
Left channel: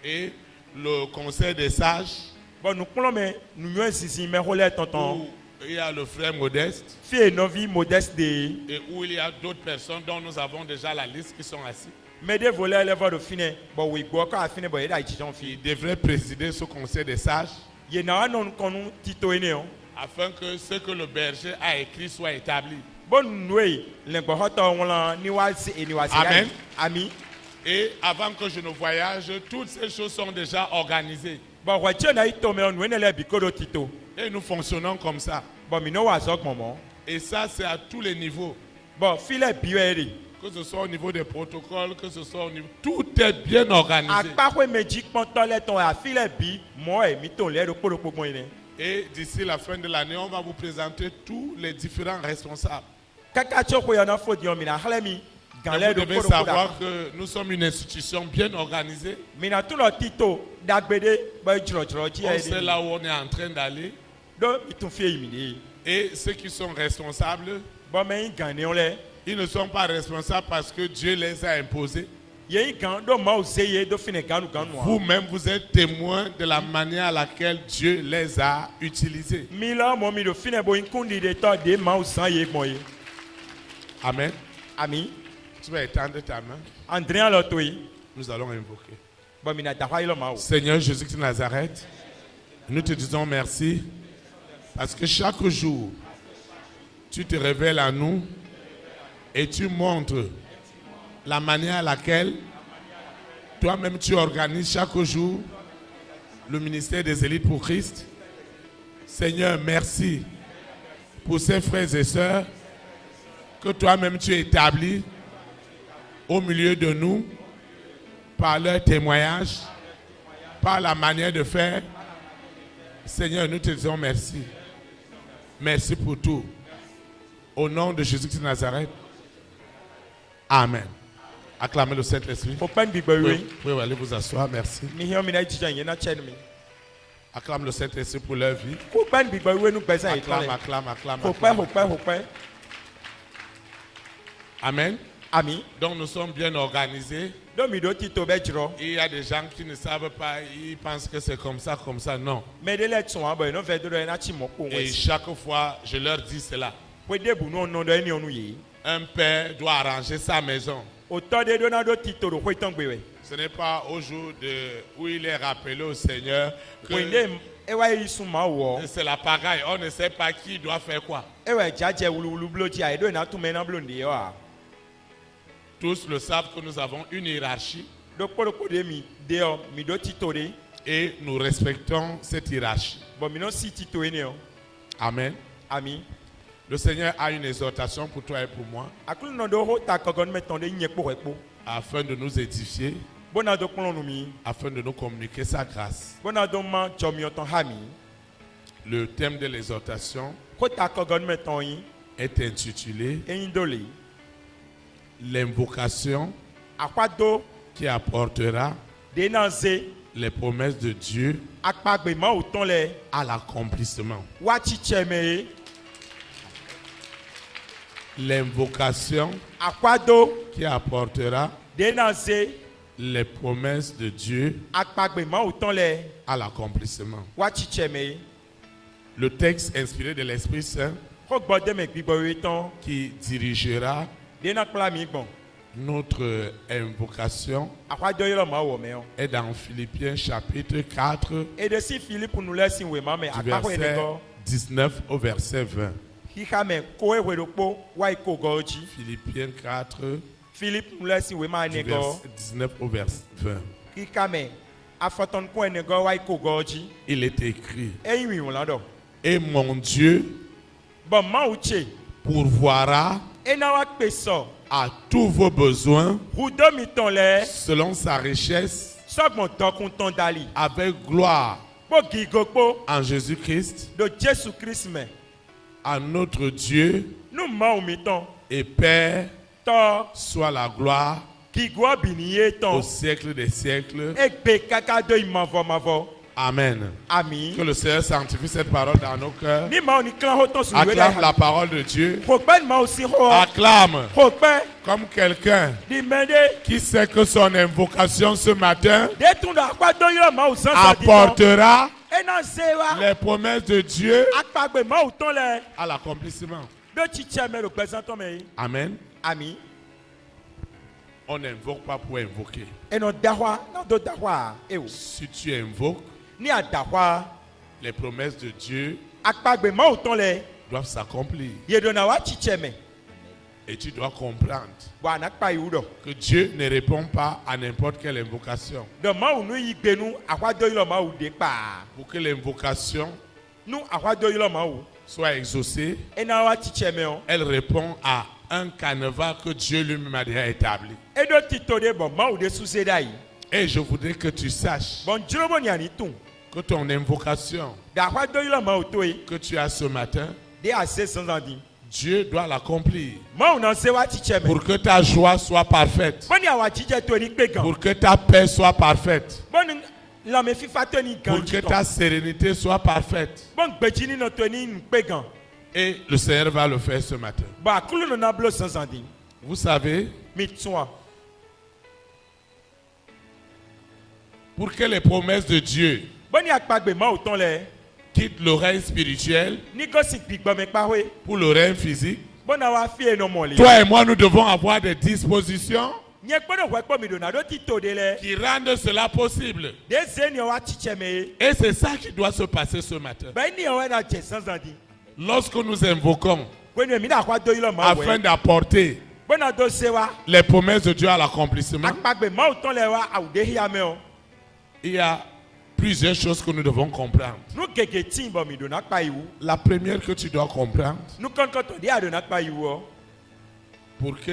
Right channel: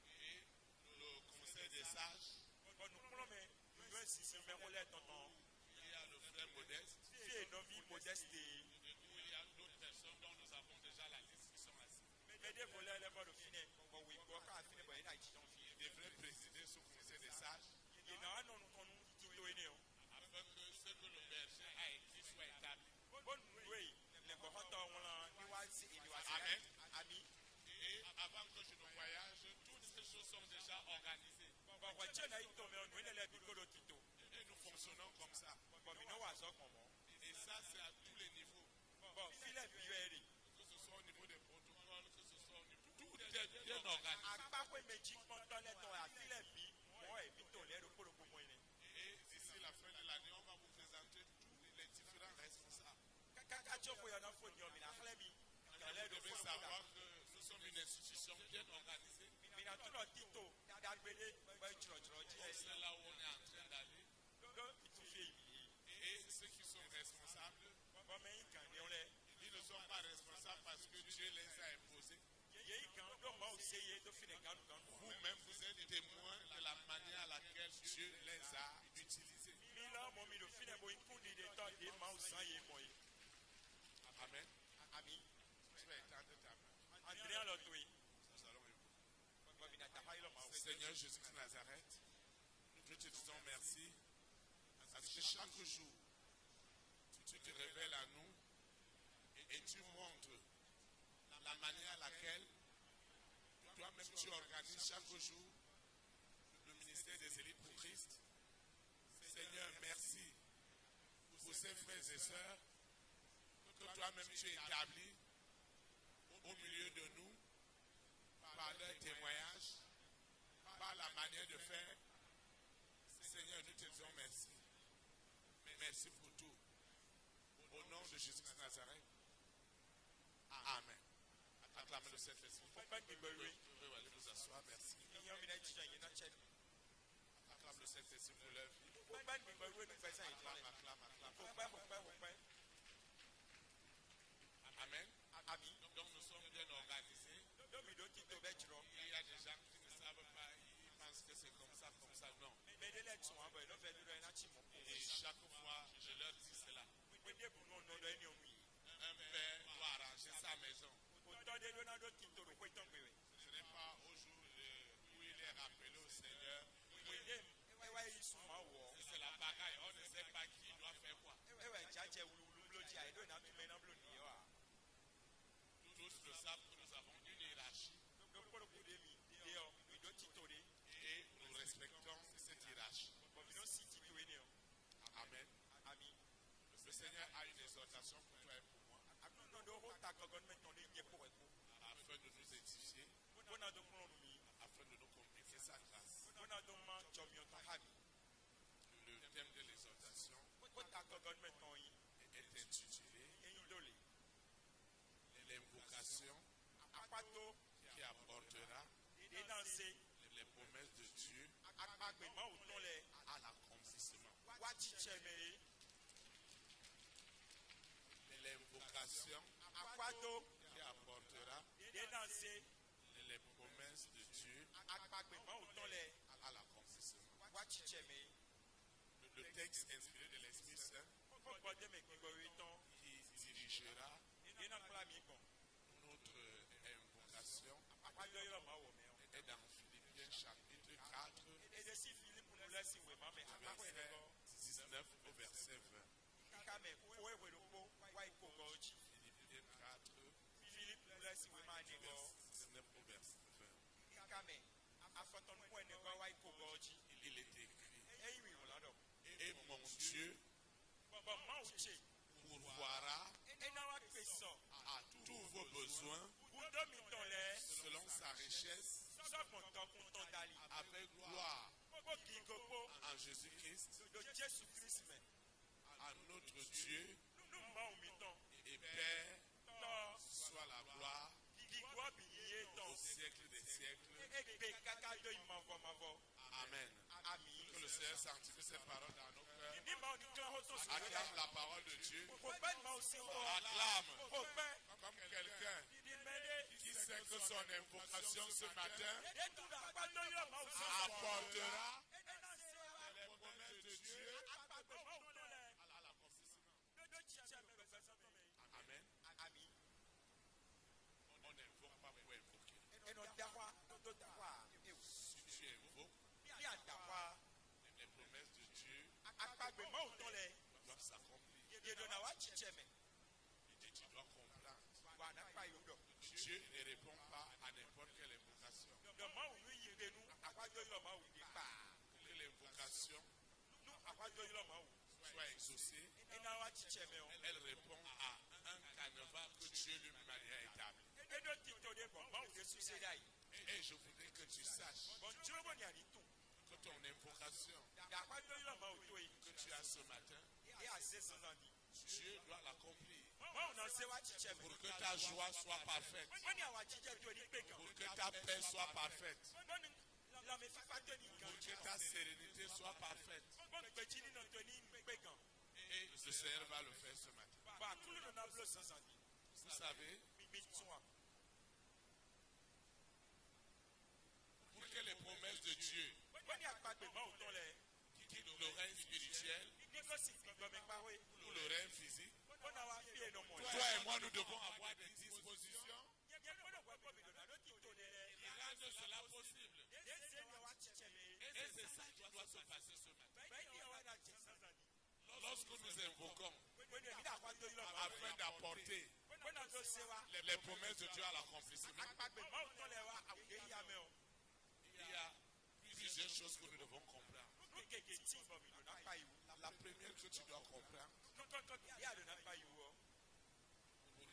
Et le conseil des sages, bon nous plo me nous yo sisi me hole tonton où il y a le frère Modeste fie no vi modeste de et où il y a d'autres personnes dont nous avons déjà la liste qui sont assis. me de voler le va do fine bon we go ka fine bon e da ichijon Qui fi devraient présider ce conseil des sages ye na non konu tito ene on afin que ce que le berger a écrit soit établi. bon nous le gbo hoto won ni wa si eni wa si Amen. ami Et avant que je ne voyage, toutes ces choses sont déjà organisées. bon wa che na ito me on le bi kodo tito Et nous fonctionnons comme ça. bon mi no wa zok momo Et ça, c'est à tous les niveaux. bon file biweri Que ce soit au niveau des protocoles, que ce soit au niveau... Tout est bien organisé. akpakwe meji pọntọ lẹtọ àfilẹ bí mọ ẹmí tó lẹrú kpọlọpọgbọn yìí. Et d'ici la fin de l'année, on va vous présenter tous les différents responsables. kaka tí o kò yànnà fòdì ọmọ ìnà àhálẹ mi Et gànlẹ vous ló devez kpọlọpọdà savoir que nous sommes une institution bien organisée. mìnà tó lọ títò dàgbédé bẹ jùlọjùlọ jí On ẹ sait là où on est en train d'aller. dó ìtúnfẹ yìí nìyí Et ceux qui sont responsables, bọmẹyìn gàn ní ọlẹ ils ne sont pas responsables parce que Dieu les a imposés. yẹyìn gàn dó mọ òsè yẹ dó fìnnẹ ganu ganu wa. Vous-même, vous êtes témoin de la manière à laquelle Dieu les a utilisés. mi lọ mọ mi lò fìnnẹ bó nkúndi de tọ de ma òsàn yẹ gbọn yẹ. Amen. àmì Tu vas étendre ta main. andréa lọ tó yìí Nous allons invoquer. bọmìnà dàkọ yìí lọ ma o. Seigneur Jésus-Christ de Nazareth, nous te disons merci parce que chaque jour, tu te révèles à nous et tu montres la manière à laquelle toi-même tu organises chaque jour le ministère des élites pour Christ. Seigneur, merci pour ces frères et sœurs que toi-même tu établis au milieu de nous par leur témoignage, par la manière de faire. Seigneur, nous te disons merci. Merci pour tout. Au nom de Jésus-Christ de Nazareth. Amen. Acclamez le Saint-Esprit. kò pẹ́ níbi gbẹ̀rù Vous yìí pouvez aller vous asseoir, merci. mi hiàn mi náà jíjà yẹn náà kyẹ́ mi. Acclame le Saint-Esprit pour leur vie. kò pẹ́ níbi gbẹ̀rù yìí nu gbẹ̀sẹ̀ yìí Acclame, tọ́lẹ̀. acclame, acclame. kò pẹ́ acclame. kò pẹ́. Amen. àmì Donc nous sommes bien organisés. domido títò bẹ́ jùlọ. Il y a des gens qui ne savent pas, ils pensent que c'est comme ça, non. mẹ́ẹ̀dẹ́lẹ̀ tún wà bọ̀ ẹ̀ n'ọ̀fẹ́ dọ́dọ̀ ẹ̀ náà ti mọ̀ kó wọ́n Et sí. chaque fois, je leur dis cela. pé débù náà nọ dọ́ ẹni ọ̀nù yìí. Un père doit arranger sa maison. òtọ́ de dọ́nà dó títò rò pé tán gbé wẹ̀. Ce n'est pas au jour où il est rappelé au Seigneur que pèndé ẹwà yìí sùn máa wọ̀. c'est la pagaille. On ne sait pas qui doit faire quoi. ẹwà jájẹ wuluwulu blóti àyẹ̀dọ́ ẹ̀ náà tún mẹ́ náà blóǹdì yẹ wa. Tous le savent que nous avons une hiérarchie dókòdókò de mi dé ọ mi dó títò de. et nous respectons cette hiérarchie. bọ̀ mi náà sì títò yẹn ni ọ. Amen. àmì. Le Seigneur a une exhortation pour toi et pour moi àkúlù náà dó hó ta kọ̀gọ́n mẹ́tàn de nyẹ kpó rẹ̀ kpó. afin de nous édifier, bọ́nà dó kplọ́n nu mi. afin de nous communiquer sa grâce. bọ́nà dó ma jọ mi ọ̀tàn hà mi. Le thème de l'exhortation kó ta kọ̀gọ́n mẹ́tàn yín. est intitulé eyín dó lè. L'invocation àkpàdó qui apportera de náà zé. les promesses de Dieu akpagbe ma wò tán lẹ à l'accomplissement. wá tsitsẹ mẹ ye L'invocation akpado qui apportera de na se les promesses de Dieu akpagbe ma wò tán lẹ à l'accomplissement. wá tsitsẹ mẹ ye Le texte inspiré de l'Esprit Saint kó gbọ́ dẹ́mẹ̀ gbígbọ́ ye tán qui dirigera de na kpla mi gbọ̀n notre invocation akpado yẹ lọ ma wọ̀ mẹ o est dans Philippiens chapitre 4 ede si Philippe nu lẹ si wè ma mẹ du akpakọ yẹ verset gọ 19 au verset 20. xixa mẹ kó ewé do kpó wá ikó gọ dzi Philippiens 4 Philippe nu lẹ si wè ma du ne gọ verset 19 au verset 20. xixa mẹ afɔtɔn kó ene gọ wá ikó gọ dzi Il est écrit: eyin wi wòlán dɔ Et mon Dieu bɔn mawu tse pourvoira ena wa kpe sɔ à tous vos besoins hudomi tɔn lɛ selon sa richesse sɔgbɔn dɔkun tɔn dali avec gloire Bo gigokpo en Jésus-Christ, de Jésus-Christ me. à notre Dieu Nous m'en mettons. et Père, To soit la gloire gigwa biniye au ton. siècle des siècles. Egbe kaka do imavo. Amen. Ami. Que le Seigneur sanctifie cette parole dans nos cœurs. Ni ma oni clan hoton sur le Acclame la parole de Dieu. Hokben ma aussi ho. Acclame Hokben comme quelqu'un di mende. qui sait que son invocation ce matin De tunda akwa do yo ma usan sa di. apportera Ena sewa. les promesses de Dieu Akpagbe ma uton le. à l'accomplissement. De chiche me le présentant me. Amen. Ami. On n'invoque pas pour invoquer. Eno dahwa, no do dahwa. Ewo. Si tu invoques, Ni a dahwa. les promesses de Dieu Akpagbe ma uton le. doivent s'accomplir. Yedona wa chiche me. Et tu dois comprendre Wa nakpa yudo. que Dieu ne répond pas à n'importe quelle invocation. De ma unu yigbenu akwa do yo ma ude pa. Pour que l'invocation Nu akwa do yo ma u. soit exaucée, Ena wa chiche me on. elle répond à un canevas que Dieu lui-même a déjà établi. Edo titode bon ma ude suse dai. Et je voudrais que tu saches Bon jirobo ni ani tun. que ton invocation Da akwa do yo ma utoyi. que tu as ce matin, De ase sans andi. Dieu doit l'accomplir Ma unan se wa chiche me. pour que ta joie soit parfaite, Bon ya wa chiche to ni pegan. pour que ta paix soit parfaite, Bon la me fifa to ni pour que ganji. ta sérénité soit parfaite. Bon gbejini no to ni pegan. Et le Seigneur va le faire ce matin. Ba kulu no na blo sans andi. Vous savez, Mi tsoa. pour que les promesses de Dieu Bon ya akpagbe ma uton le. quittent l'oreille spirituelle Ni go si gbigbo me pa we. pour l'oreille physique, Bon na wa fi eno mo le. toi et moi, nous devons avoir des dispositions Nye kpodo hwe kpo mi do na do titode le. qui rendent cela possible. De se ni wa chiche me. Et c'est ça qui doit se passer ce matin. Ba ni o na je sans andi. Lorsque nous invoquons Kwenu mi da kwa do yo ma we. afin d'apporter Bon na do se wa. les promesses de Dieu à l'accomplissement, Akpagbe ma uton le wa awude hiya me o. il y a plusieurs choses que nous devons comprendre. Nu gege tin bo mi do na pa iwu. La première que tu dois comprendre, Nu kon kon to de ado na pa iwu o. pour que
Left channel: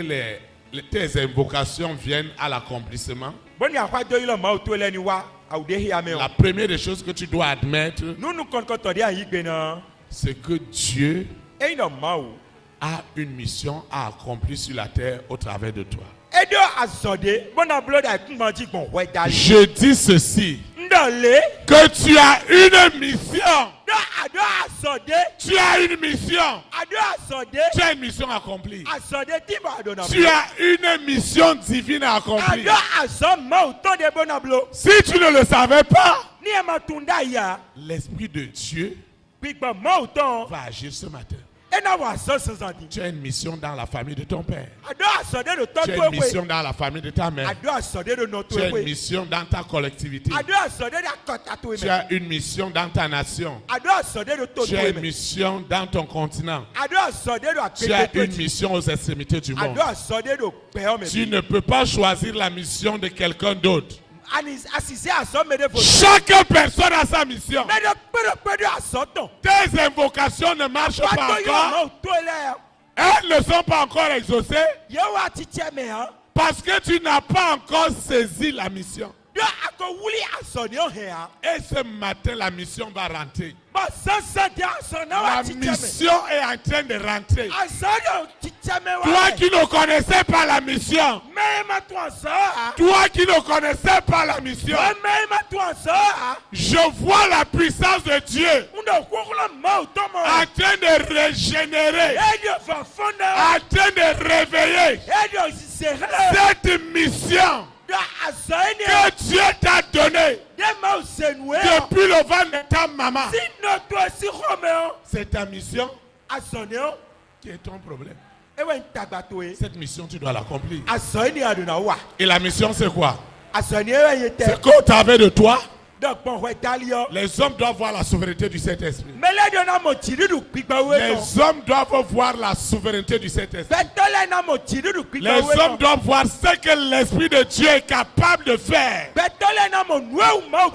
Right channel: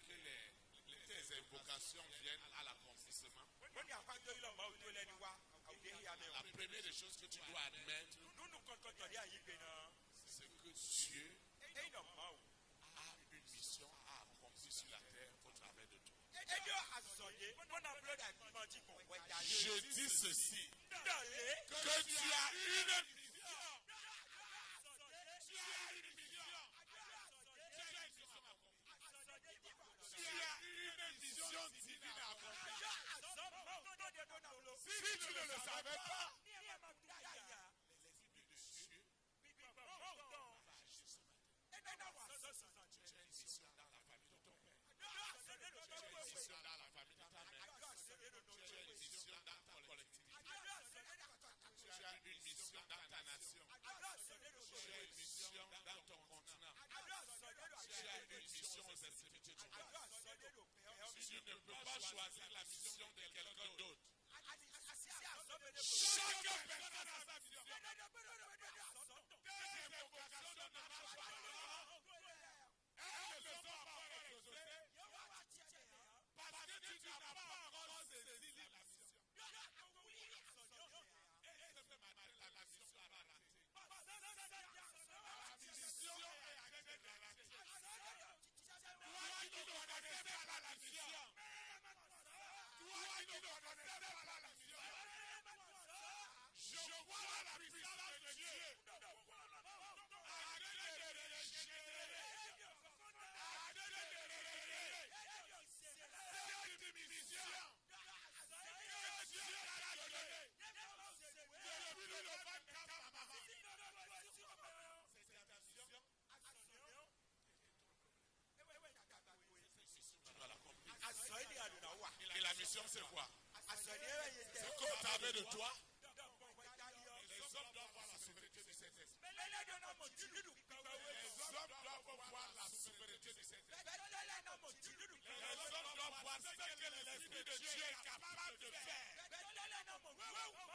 tes invocations viennent à l'accomplissement, Bon ya kwa do yo ma uto le ni wa awude hiya me o. la première des choses que tu dois admettre, Nu kon kon to de ayigbe na. c'est que Dieu E no ma o. a une mission à accomplir sur la terre au travers de toi. Edo azode. Bon na blo da kun ma ji gon we dali. Je dis ceci, Ndole. que tu as une mission. Do ado azode. Tu as une mission. Ado azode. Tu as une mission accomplie. Azode ti ba do na. Tu as une mission divine à accomplir. Ado azom ma uton de bon na blo. Si tu ne le savais pas, Ni e ma tunda ya. l'Esprit de Dieu Gbigbo ma uton. va agir ce matin. E na wa so sans andi. Tu as une mission dans la famille de ton père. Ado azode do to Tu as to une we. mission dans la famille de ta mère. Ado azode do no to Tu as une we. mission dans ta collectivité. Ado azode da kota to we. Tu as une mission dans ta nation. Ado azode do to Tu to as une we. mission dans ton continent. Ado azode do Tu as akete une to. mission aux extrémités du monde. Ado azode do pe o me. Tu ne peux pas choisir la mission de quelqu'un d'autre. Ani asise azom me de fo. Chaque personne a sa mission. Me de pedo asoton. Tes invocations ne marchent pas Wa do yo encore. ma uto le. Elles ne sont pas encore exaucées Yo wa chiche me ha. parce que tu n'as pas encore saisi la mission. Do ako wuli asoni o he ha. Et ce matin, la mission va rentrer. Ba sansa de asona La wa chiche me. mission est en train de rentrer. Asoni chiche me wa. Toi qui ne connaissais pas la mission, Me ma to asa. toi qui ne connaissais pas la mission, Me ma to asa. je vois la puissance de Dieu Ndo kokula ma uto mo. en train de régénérer, Edio fa fonda. en train de réveiller Edio sisere. cette mission Da asoni. que Dieu t'a donnée De ma usenwe. depuis le ventre de ta maman. Si no to si khomeo. C'est ta mission Asoni o. qui est ton problème. Ewe ntagbato e. Cette mission, tu dois l'accomplir. Asoni adona wa. Et la mission, c'est quoi? Asoni ewe yete. C'est qu'au travers de toi, Donc bon we dalio. les hommes doivent voir la souveraineté du Saint-Esprit. Mele na mo chiridu gbigba we no. Les hommes doivent voir la souveraineté du Saint-Esprit. Betole na mo chiridu gbigba Les we no. hommes doivent voir ce que l'Esprit de Dieu est capable de faire Betole na mo nueu ma. au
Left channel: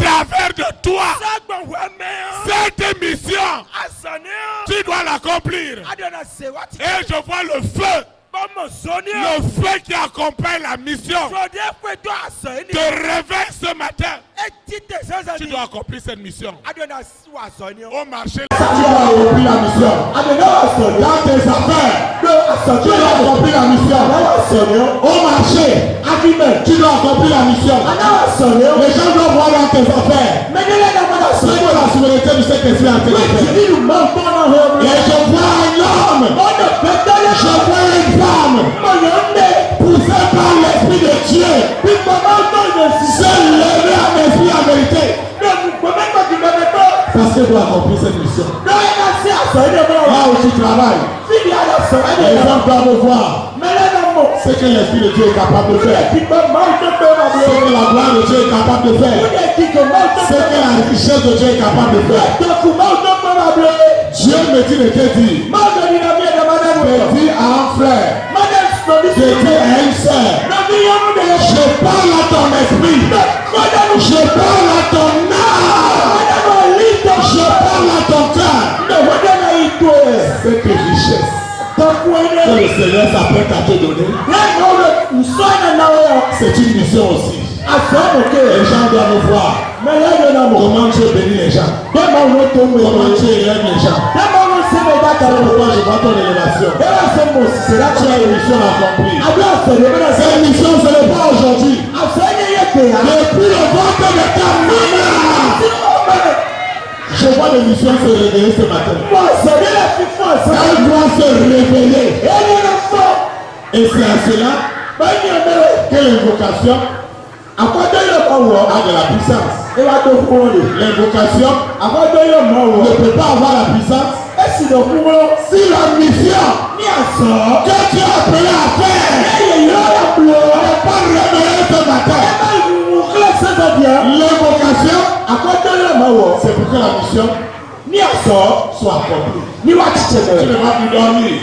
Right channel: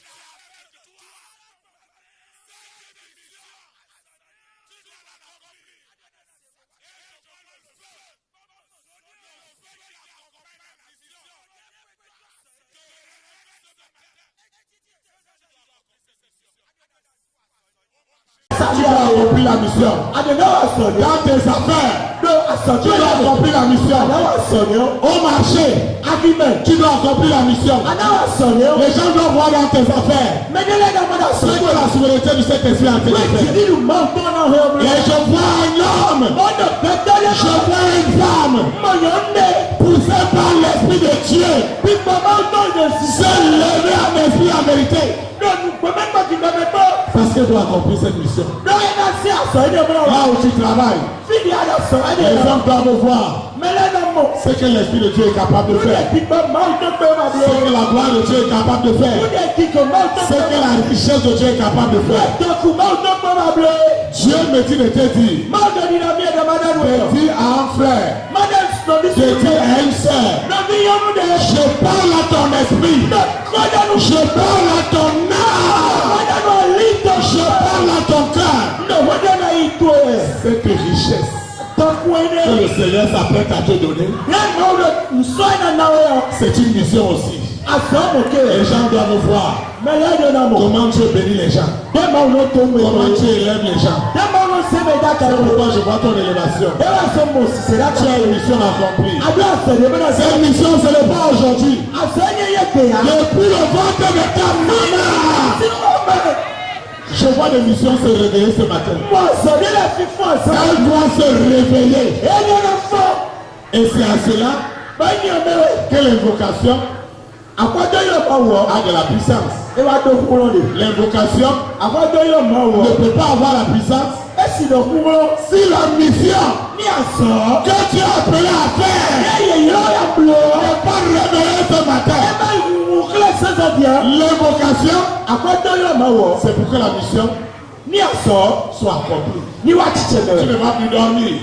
travers de toi. Sagbo we me. Cette mission, Asoni o. tu dois l'accomplir. Adona se wa ti. Et je vois le feu, Bomo soni o. le feu qui accompagne la mission So de kwe to asoni. te réveille ce matin. Tu dois accomplir cette mission. Au marché, Tu dois accomplir la mission. Dans tes affaires, tu dois accomplir la mission. Au marché, tu dois accomplir la mission. Les gens doivent voir dans tes affaires. C'est que la souveraineté du Saint-Esprit a été faite. Et je vois un homme, je vois une femme poussée par l'Esprit de Dieu. C'est levé à l'Esprit en vérité. Parce qu'elle doit accomplir cette mission. Là où tu travailles, les gens doivent voir ce que l'Esprit de Dieu est capable de faire. Ce que la gloire de Dieu est capable de faire. Ce que la richesse de Dieu est capable de faire. Dieu me dit de te dire. De dire à un frère. De dire à une sœur. Je parle à ton esprit. Je parle à ton âme. Je parle à ton cœur. Cette richesse que le Seigneur s'apprête à te donner, c'est une mission aussi. Les gens doivent voir comment Dieu bénit les gens, comment Dieu élève les gens. C'est pourquoi je vois ton élévation. Tu as une mission accomplie. Cette mission, ce n'est pas aujourd'hui. Depuis le ventre de ta maman, je vois des missions se réveiller ce matin. Elle doit se réveiller. Et c'est à cela que l'invocation a de la puissance. L'invocation ne peut pas avoir la puissance si la mission que tu as appelé à faire n'est pas révélée ce matin. L'invocation, c'est pour que la mission soit accomplie. Tu ne vas plus dormir.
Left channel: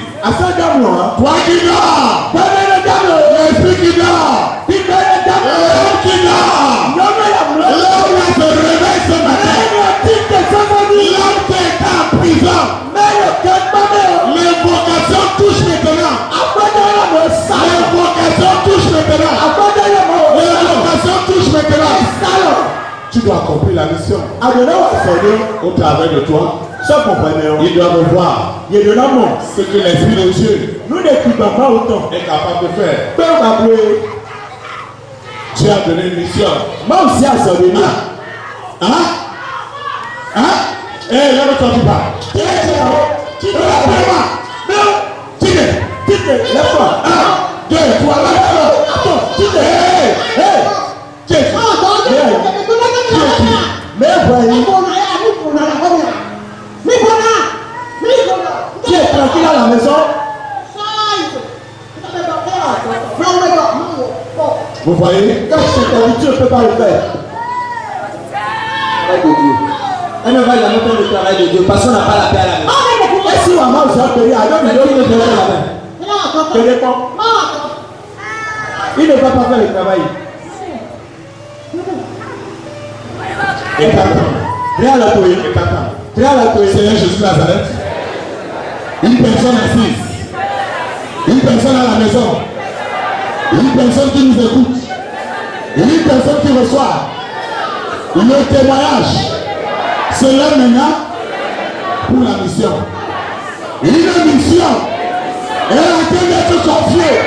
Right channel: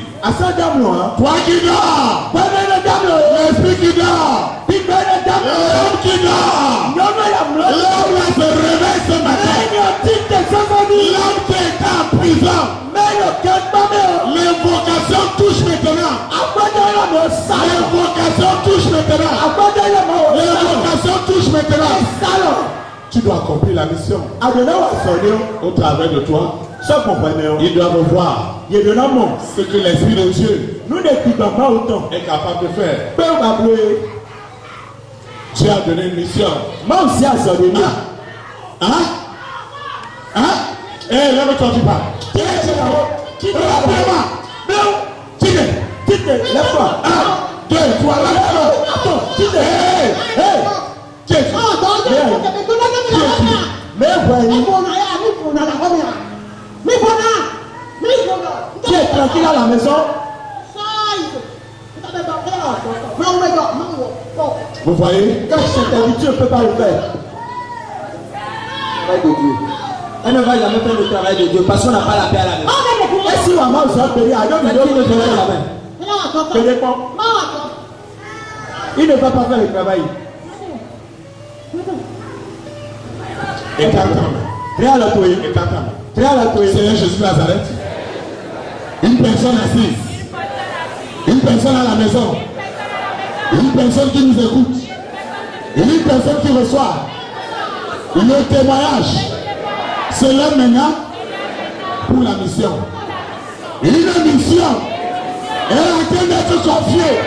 Toi qui dors, l'esprit qui dort, l'homme qui dort, l'homme se réveille ce matin. L'homme qui est en prison, l'invocation touche maintenant. L'invocation touche maintenant. L'invocation touche maintenant. Tu dois accomplir la mission. Au travers de toi, ils doivent voir ce que l'Esprit de Dieu est capable de faire. Dieu a donné une mission. Lève-toi, tu parles. Lève-toi. 1, 2, 3, lève-toi. Tu es tranquille à la maison. Vous voyez, quand je t'invite, tu ne peux pas le faire. Travail de Dieu. Elle ne va jamais faire le travail de Dieu parce qu'on n'a pas la paix à la maison. Et si maman vous a payé, alors il ne fait la main. Ça dépend. Il ne va pas faire le travail. Et Seigneur Jésus de Nazareth, une personne assise, une personne à la maison, une personne qui nous écoute, une personne qui reçoit le témoignage. C'est là maintenant pour la mission. Une mission est en train d'être confiée.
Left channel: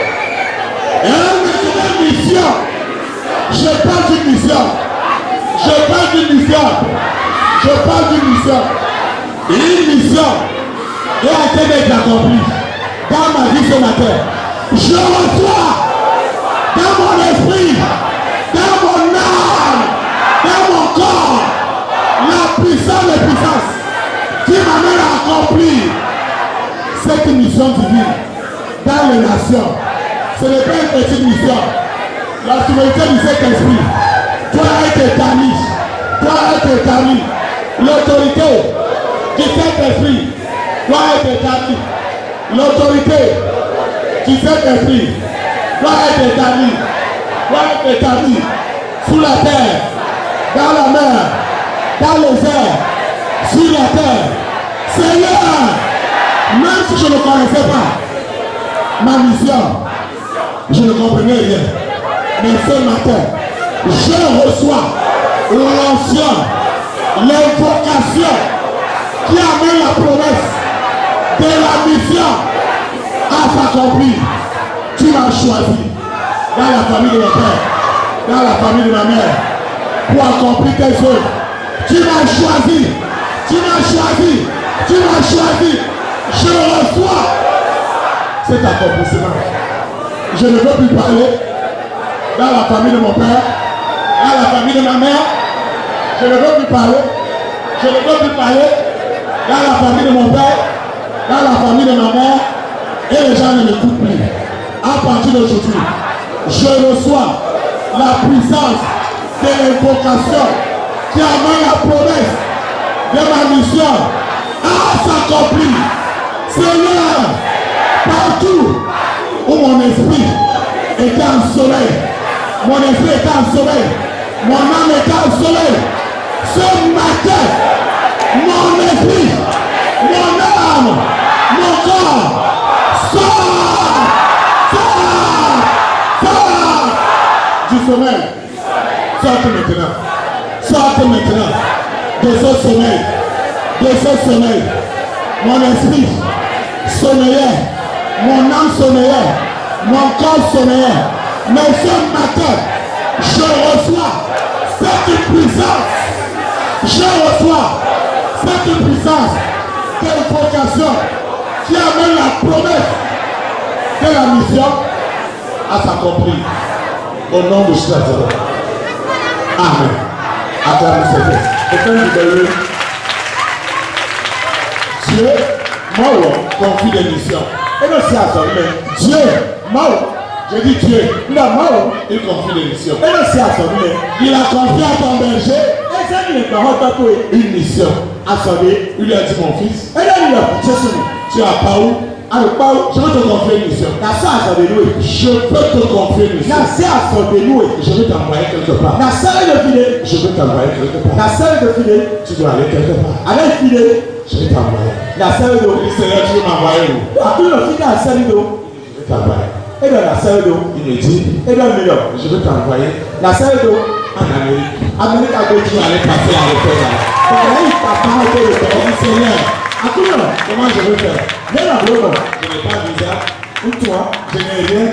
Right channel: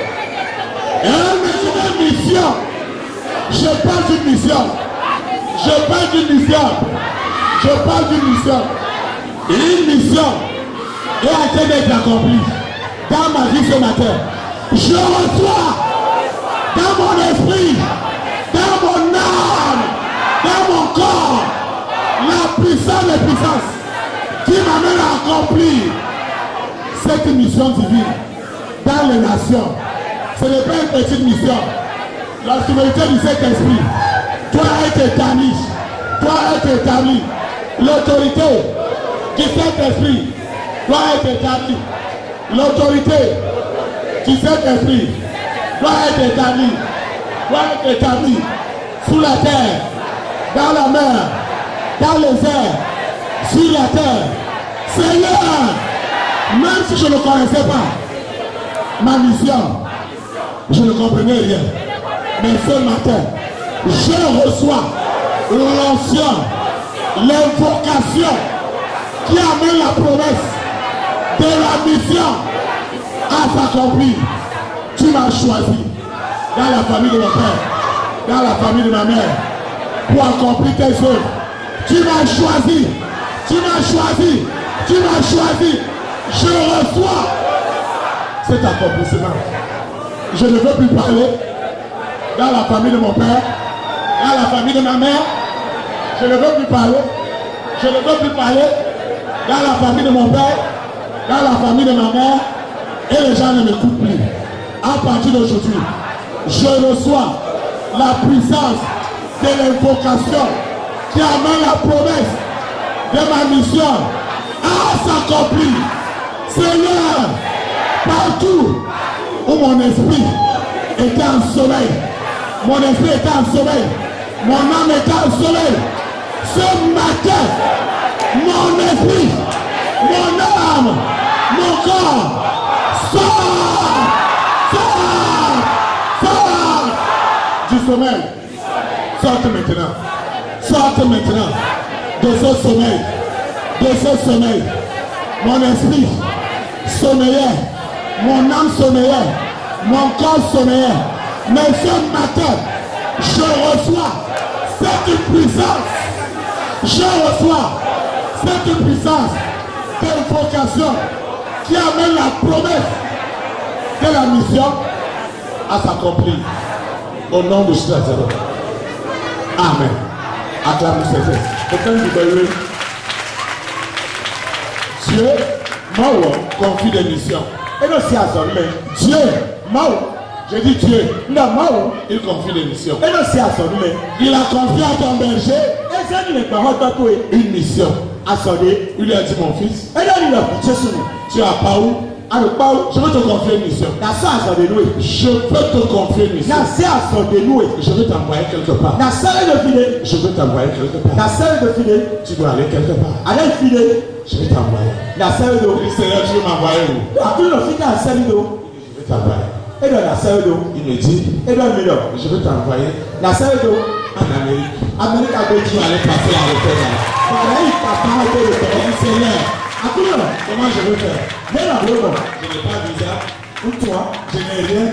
Une mission. Je parle d'une mission. Je parle d'une mission. Je parle d'une mission. Une mission est en train d'être accomplie dans ma vie ce matin. Je reçois dans mon esprit, dans mon âme, dans mon corps, la puissance des puissances qui m'amène à accomplir cette mission divine dans les nations. Ce n'est pas une petite mission. La souveraineté du Saint-Esprit doit être établie. L'autorité du Saint-Esprit doit être établie. L'autorité du Saint-Esprit doit être établie. Sous la terre, dans la mer, dans les airs, sur la terre. Seigneur, même si je ne connaissais pas ma mission, je ne comprenais rien. Mais ce matin, je reçois l'onction, l'invocation qui amène la promesse de la mission à s'accomplir. Tu m'as choisi dans la famille de mon père, dans la famille de ma mère, pour accomplir tes œuvres. Tu m'as choisi, tu m'as choisi, tu m'as choisi. Je reçois cet accomplissement. Je ne veux plus parler dans la famille de mon père, dans la famille de ma mère. Je ne veux plus parler. Je ne veux plus parler dans la famille de mon père, dans la famille de ma mère. Et les gens ne m'écoutent plus. À partir d'aujourd'hui, je reçois la puissance de l'invocation qui amène la promesse de ma mission à s'accomplir. Seigneur, partout où mon esprit était en sommeil, mon esprit était en sommeil, mon âme était en sommeil, ce matin, mon esprit, mon âme, mon corps, sort du sommeil. Sortez maintenant. Sortez maintenant de ce sommeil. De ce sommeil. Mon esprit sommeillait. Mon âme sommeillait. Mon corps sommeillait. Mais ce matin, je reçois cette puissance. Je reçois cette puissance d'invocation qui amène la promesse de la mission à s'accomplir. Au nom de Jésus. Amen. Acclamez Seigneur. Dieu m'a confie des missions. Et non, c'est à son nom. Dieu m'a, je dis Dieu, il confie des missions. Et non, c'est à son nom. Il a confié à ton berger une mission. À son nom, il a dit mon fils. Et là, il a dit tu as pas où? Je veux te confier une mission. Je peux te confier une mission. Je veux t'envoyer quelque part. Je veux t'envoyer quelque part. Tu dois aller quelque part. Je vais t'envoyer. Seigneur, tu veux m'envoyer où? Je vais t'envoyer. Il me dit, je veux t'envoyer en Amérique. Tu vas aller passer à l'hôtel. Seigneur, comment je veux faire? Je n'ai pas de visa. Ou toi, je n'ai rien.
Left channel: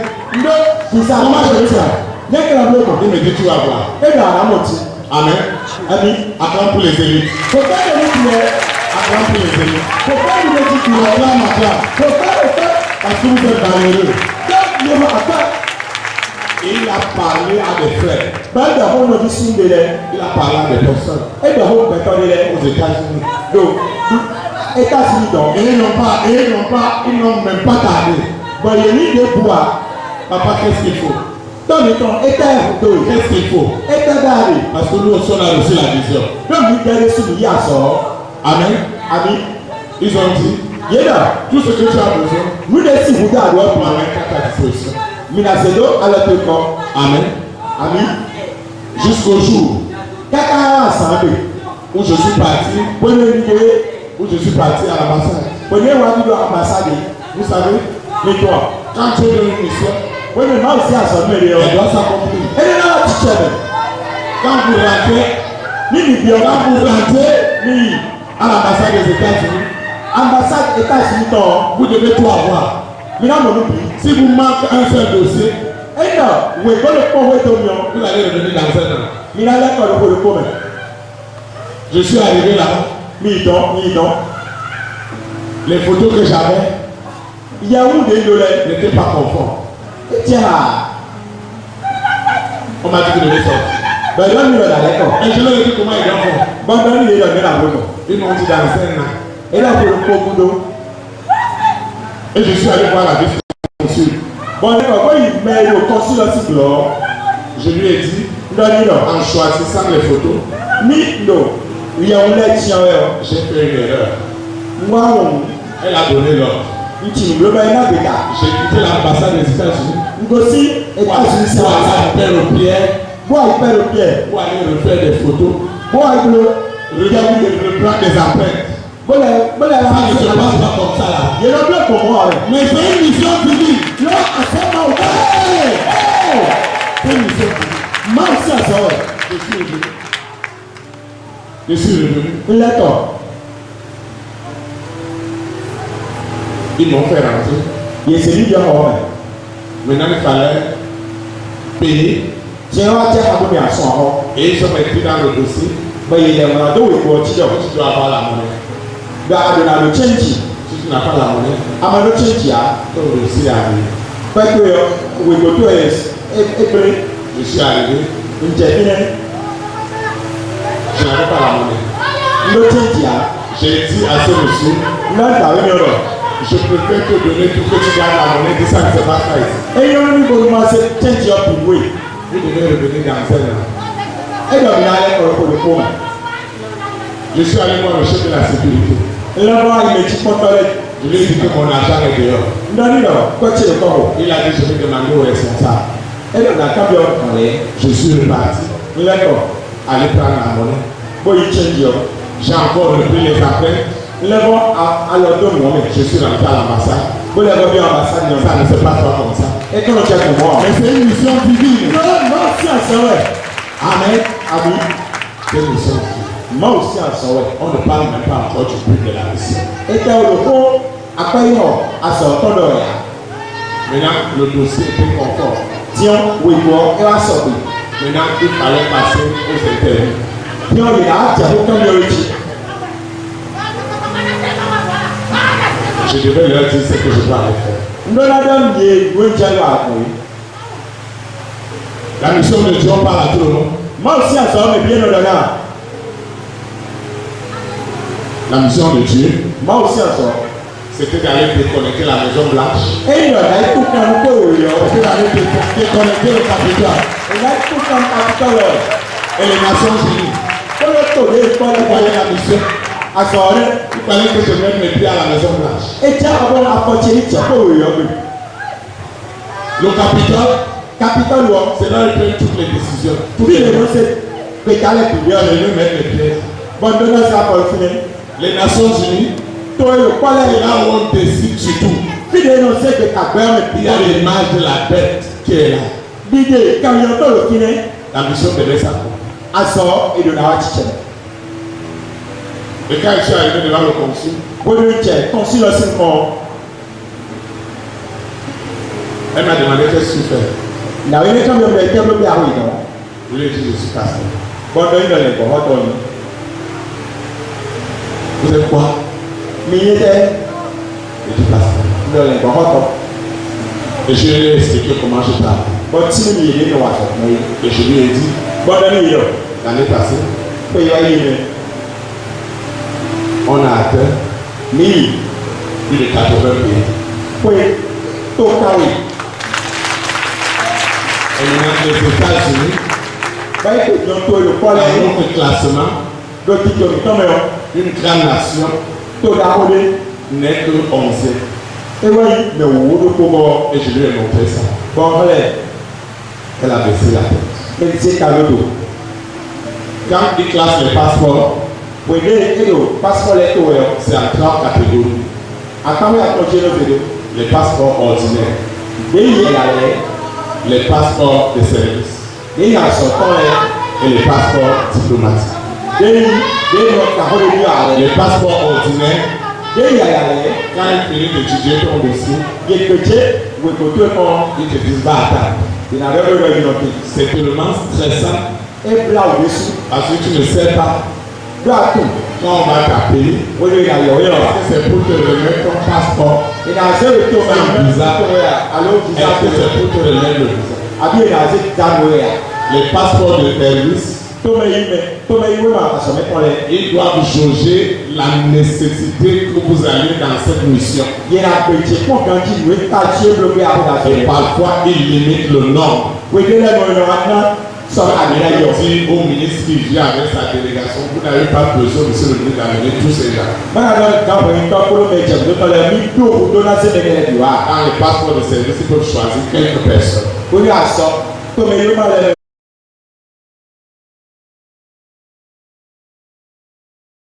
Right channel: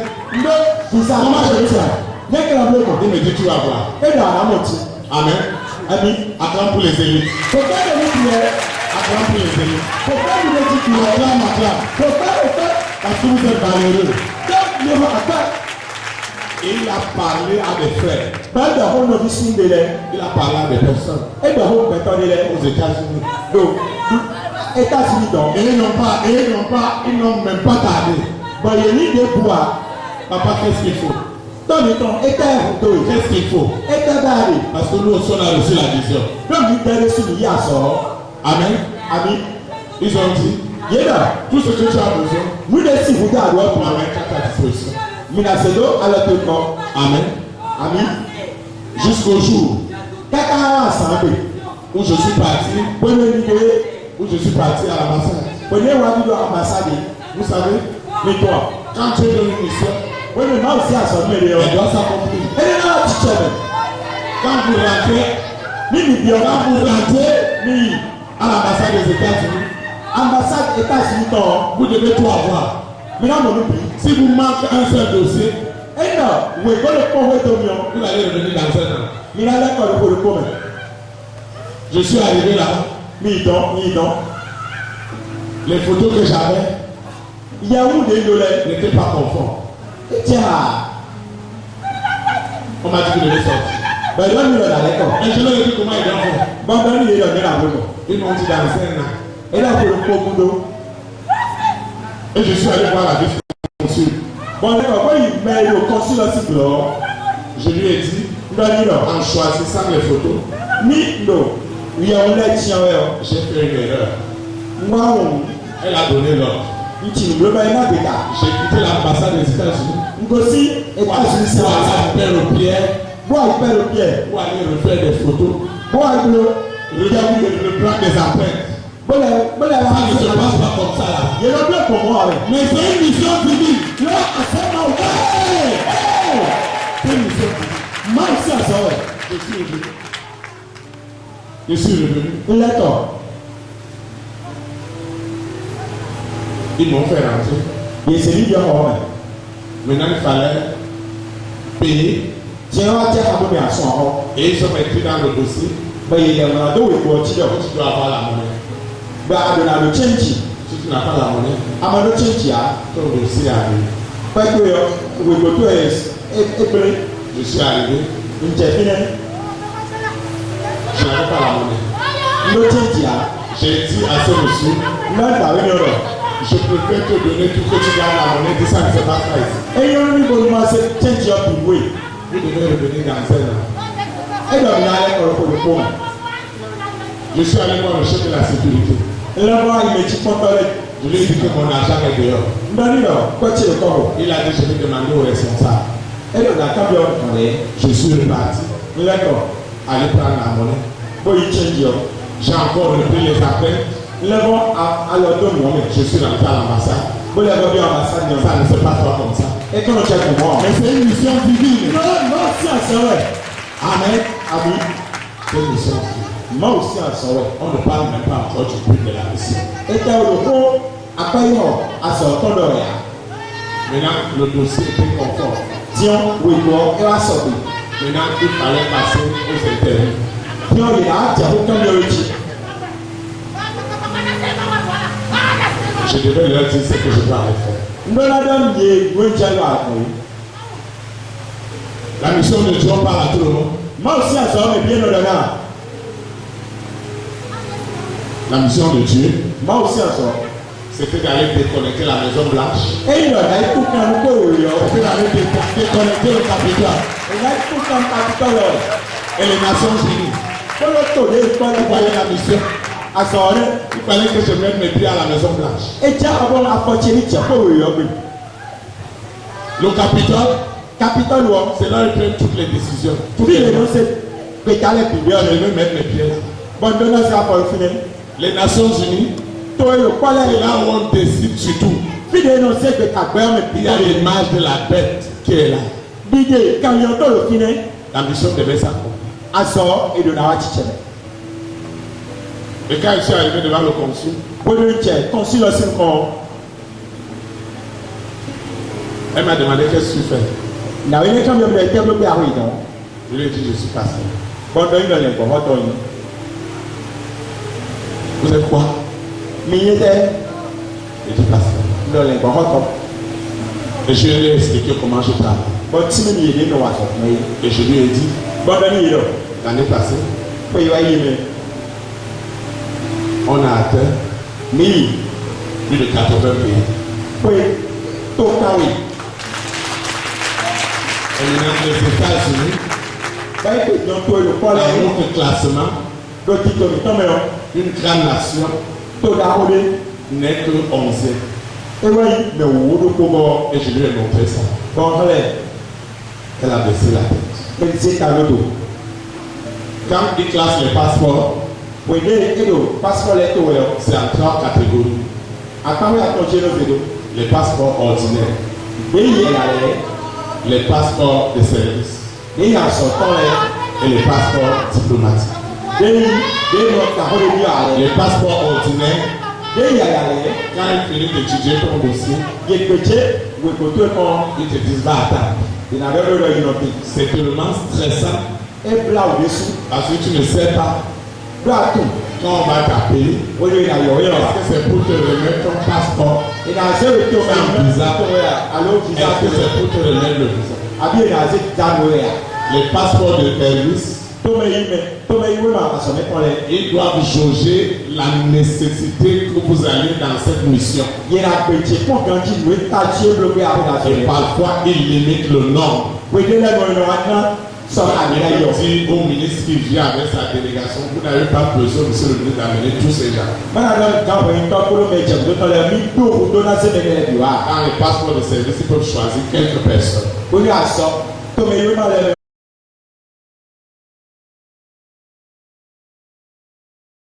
Comment je veux faire? Il me dit tu vas voir. Amen. Acclame pour les élites. Acclame pour les élites. Acclame. Parce que vous êtes valeureux. Il a parlé à des frères. Il a parlé à des personnes aux États-Unis. Et ils n'ont même pas tardé. Papa, qu'est-ce qu'il faut? Qu'est-ce qu'il faut? Parce que nous aussi on a reçu la vision. Amen. Ils ont dit, tout ce que tu as besoin, pour avoir à ta disposition. Amen. Jusqu'au jour où je suis parti à l'ambassade. Vous savez, quand tu es dans une mission, elle doit s'accomplir. Quand vous rentrez à l'ambassade des États-Unis, vous devez tout avoir. Si vous manquez un seul dossier, vous allez revenir dans un an. Je suis arrivé là. Les photos que j'avais n'étaient pas conformes. On m'a dit que je devais sortir. Et je leur ai dit comment ils doivent faire. Ils m'ont dit dans un an. Et je suis allé voir la vice-consul. Je lui ai dit, en choisissant les photos, j'ai fait une erreur. Elle a donné l'ordre. J'ai quitté l'ambassade des États-Unis pour aller refaire des photos, reprendre des empreintes. Ça ne se passe pas comme ça là. Mais c'est une mission publique. C'est une mission publique. Je suis venu. Je suis revenu. Ńlẹ́tọ̀. Ils m'ont fait rentrer. Yèsè ní ìjọ ọ̀hún. Maintenant, il fallait payer. Tiẹ̀ wá jẹ́ àbúrò àsùn ọ̀hún. Et ils ont écrit dans le dossier. Bẹ́ẹ̀ ilẹ̀ wọn àdó wèé kú ọtí dọ̀. Tu dois avoir la monnaie. Gba àdùnnà ló chẹ́ǹjì. Si tu n'as pas la monnaie, Àmọ́ ló chẹ́ǹjì á. ton dossier arrive. Pẹ́ẹ́pẹ́ wèé kò tó épèrè. Je suis arrivé. Ǹjẹ́ bí ní Je n'avais pas la monnaie. ló chẹ́ǹjì á. J'ai dit à ce monsieur, Lọ́gbà wí ni ọ̀rọ̀. je préfère te donner tout que tu gardes la monnaie. Dis ça que c'est pas ça ici. Eyín ọ̀rọ̀ níbo ni wọ́n ṣe chẹ́ǹjì ọ̀ ìwé. Vous devez revenir dans celle là. Ẹ̀dọ̀ mi alẹ́ ọ̀rọ̀ kò lè kó mọ̀. Je suis allé voir le chef de la sécurité. Ńlọ́gbà ìmẹ̀jì pọ́ntọ́lẹ̀. Je lui ai dit que mon argent est dehors. Ndọ́ni lọ kọ́tì lè kọ́ ọ̀. Il a dit, je vais demander au responsable. Ẹ̀dọ̀ nà kábíọ̀ ọ̀rẹ́. Je suis reparti. Ńlẹ́tọ̀. Aller prendre la monnaie. Bóyí chẹ́ǹjì ọ̀. J'ai encore repris les appels. Ńlẹ́bọ̀ alọ́dún mọ́ mi. Je suis rentré à l'ambassade. Bóyá ẹ̀bọ̀ bí ambassade ni Ça ọ̀sán. ne se passe pas comme ça. Et quand on check pour moi. Mais c'est une mission divine. Moi aussi en sọ̀rọ̀ ẹ̀. Amen. Ami. C'est une mission. Moi aussi en sọ̀rọ̀ ẹ̀. On ne parle même pas encore du but de la mission. Ètò olùkọ́ akọ́yọ̀ asọ̀tọ́dọ̀ rẹ̀. Maintenant, le dossier était conforme. Tiens, wègbọ́ ẹ wá sọ̀ pé. Maintenant, il fallait passer aux interviews. Tiens, yìí á jẹ́ kó kán lórí jì. Je devais leur dire ce que je dois aller faire. Ndọ́nádọ́ yẹ ìwé jẹ́ lọ àgbọ̀ yìí. La mission de Dieu, on parle à tout le monde. Moi aussi en sọ̀rọ̀ mi bí ẹnu lọ́nà. La mission de Dieu, Moi aussi en sọ̀rọ̀. c'était d'aller déconnecter la Maison Blanche. Ẹ̀yin lọ́nà ikú kan kó òòyọ̀. C'était d'aller déconnecter le Capitole Ìyá ikú kan pàtó lọ. et les Nations Unies. Kọ́lọ́ tó lé ikọ́ Vous lẹ́kọ̀ọ́ voyez yẹn. la mission. Asọ̀rọ̀ Il fallait que je mette mes pieds à la Maison Blanche. ẹ̀jẹ̀ àwọn afọ̀tí ní tiẹ̀ kó òòyọ̀ mi. Le Capitole, Capitole wọ. c'est là où ils prennent toutes les décisions. Toutes Bí les lè ló ṣe pétalẹ̀ pìlẹ̀ Je ọ̀nà vais mettre mes pieds. bọ́ndọ́ náà ṣe àpọ̀ ìfúnni. Les Nations Unies, Tó yẹ kọ́lẹ̀ c'est yìí. là où on décide sur tout. Bí lè ló ṣe pé àgbẹ̀ ọ̀nà Il y a pìlẹ̀. l'image de la bête qui est là. Dídé kàwéyàn tó lò fúnni. La mission devait s'accomplir. Aṣọ èdò náà wá chichẹ̀. Et quand je suis arrivé devant le consul, Bọ́dọ̀ ń jẹ kàn sí lọ sí nǹkan. elle m'a demandé qu'est-ce que tu fais. Nàwé ní kàwé ọ̀nà ẹ̀jẹ̀ ló bí àwọn ìdán. Je lui ai dit, je suis pasteur. Bọ́dọ̀ ń lọlẹ̀ bọ̀ ọ́tọ̀ ni. Vous êtes quoi? Mi yé tẹ́ Je dis pasteur. lọlẹ̀ bọ̀ ọ́tọ̀. Et je lui ai expliqué comment je parle. Bọ́ tí mi yé nínú wàtọ̀ mọ́ yé. Et je lui ai dit, Bọ́dọ̀ ní yìí lọ. l'année passée, Pé ìwà yé mi. on a atteint Mi yìí plus de 80 pays. pé tó káwé. Et maintenant, les États-Unis, Báyìí kò jọ tó olùkọ́ dans lẹ́yìn. notre classement, Lọ́tí tóbi tọ́mọ̀ yọ. une grande nation Tó dáwọ́ lé. n'est que 11e. Ewé yìí mẹ̀ wò ó ló kó bọ̀. Et je lui ai montré ça. Bọ́ọ̀lẹ̀ Elle a baissé la tête. bẹ́ẹ̀ ti ṣe ta lódò. Quand il classe les passeports, Wèdè èdò pásítọ̀ lẹ́ tó wẹ̀ ọ́. c'est en 3 catégories. Àtàwọn àtọ̀jẹ́ ló fèdò. Les passeports ordinaires, Déyìí ẹ̀yà rẹ̀. les passeports de service Déyìí àsọ̀tọ̀ rẹ̀. et les passeports diplomatiques. Déyìí ọ̀tà ó lè ní ààrẹ. Les passeports ordinaires, Déyìí ẹ̀yà rẹ̀. quand ils finissent d'étudier ton dossier, Yèkpètsé wèkòtò ẹ̀kọ́. ils te disent va à table. Ìnàbẹ́ ló lọ yìí nọ̀tì. C'est tellement stressant Ebla òde sùn. parce que tu ne sais pas Lọ́ àtò. quand on va t'appeler. Ó lè yà yọ̀ yọ̀. Est-ce que c'est pour te remettre ton passeport? Ìnàzẹ́ wètò C'est bizarre. tó wẹ̀ alo visa Est-ce tó que c'est wẹ̀. pour te remettre le visa? Àbí ìnàzẹ́ dànù wẹ̀. Les passeports de service, Tọ́mẹ̀ yìí mẹ̀ tọ́mẹ̀ yìí wẹ̀ máa àsọ̀mẹ́ kọ́ lẹ̀. ils doivent jauger la nécessité que vous allez dans cette mission. Yẹ̀rẹ̀ àgbèjì pọ̀ gan jí ìwé kájí olóògbé àbúdà Et fẹ̀. parfois, ils limitent le nombre. Wèdè lẹ́nu ọ̀nà àná sọ̀rọ̀ àgbẹ̀rẹ̀ Il yọ̀. dit au ministre qui vient avec sa délégation, vous n'avez pas besoin, monsieur le ministre, d'amener tous ces gens. Mana dɔ gãbɔ yi tɔ kolo mɛ jɛ do tɔ lɛ mi do o do na se ne kɛlɛ bi wa. Dans les passeports de service, ils peuvent choisir quelques personnes. O y'a sɔ tɔmɛ yi ma lɛ.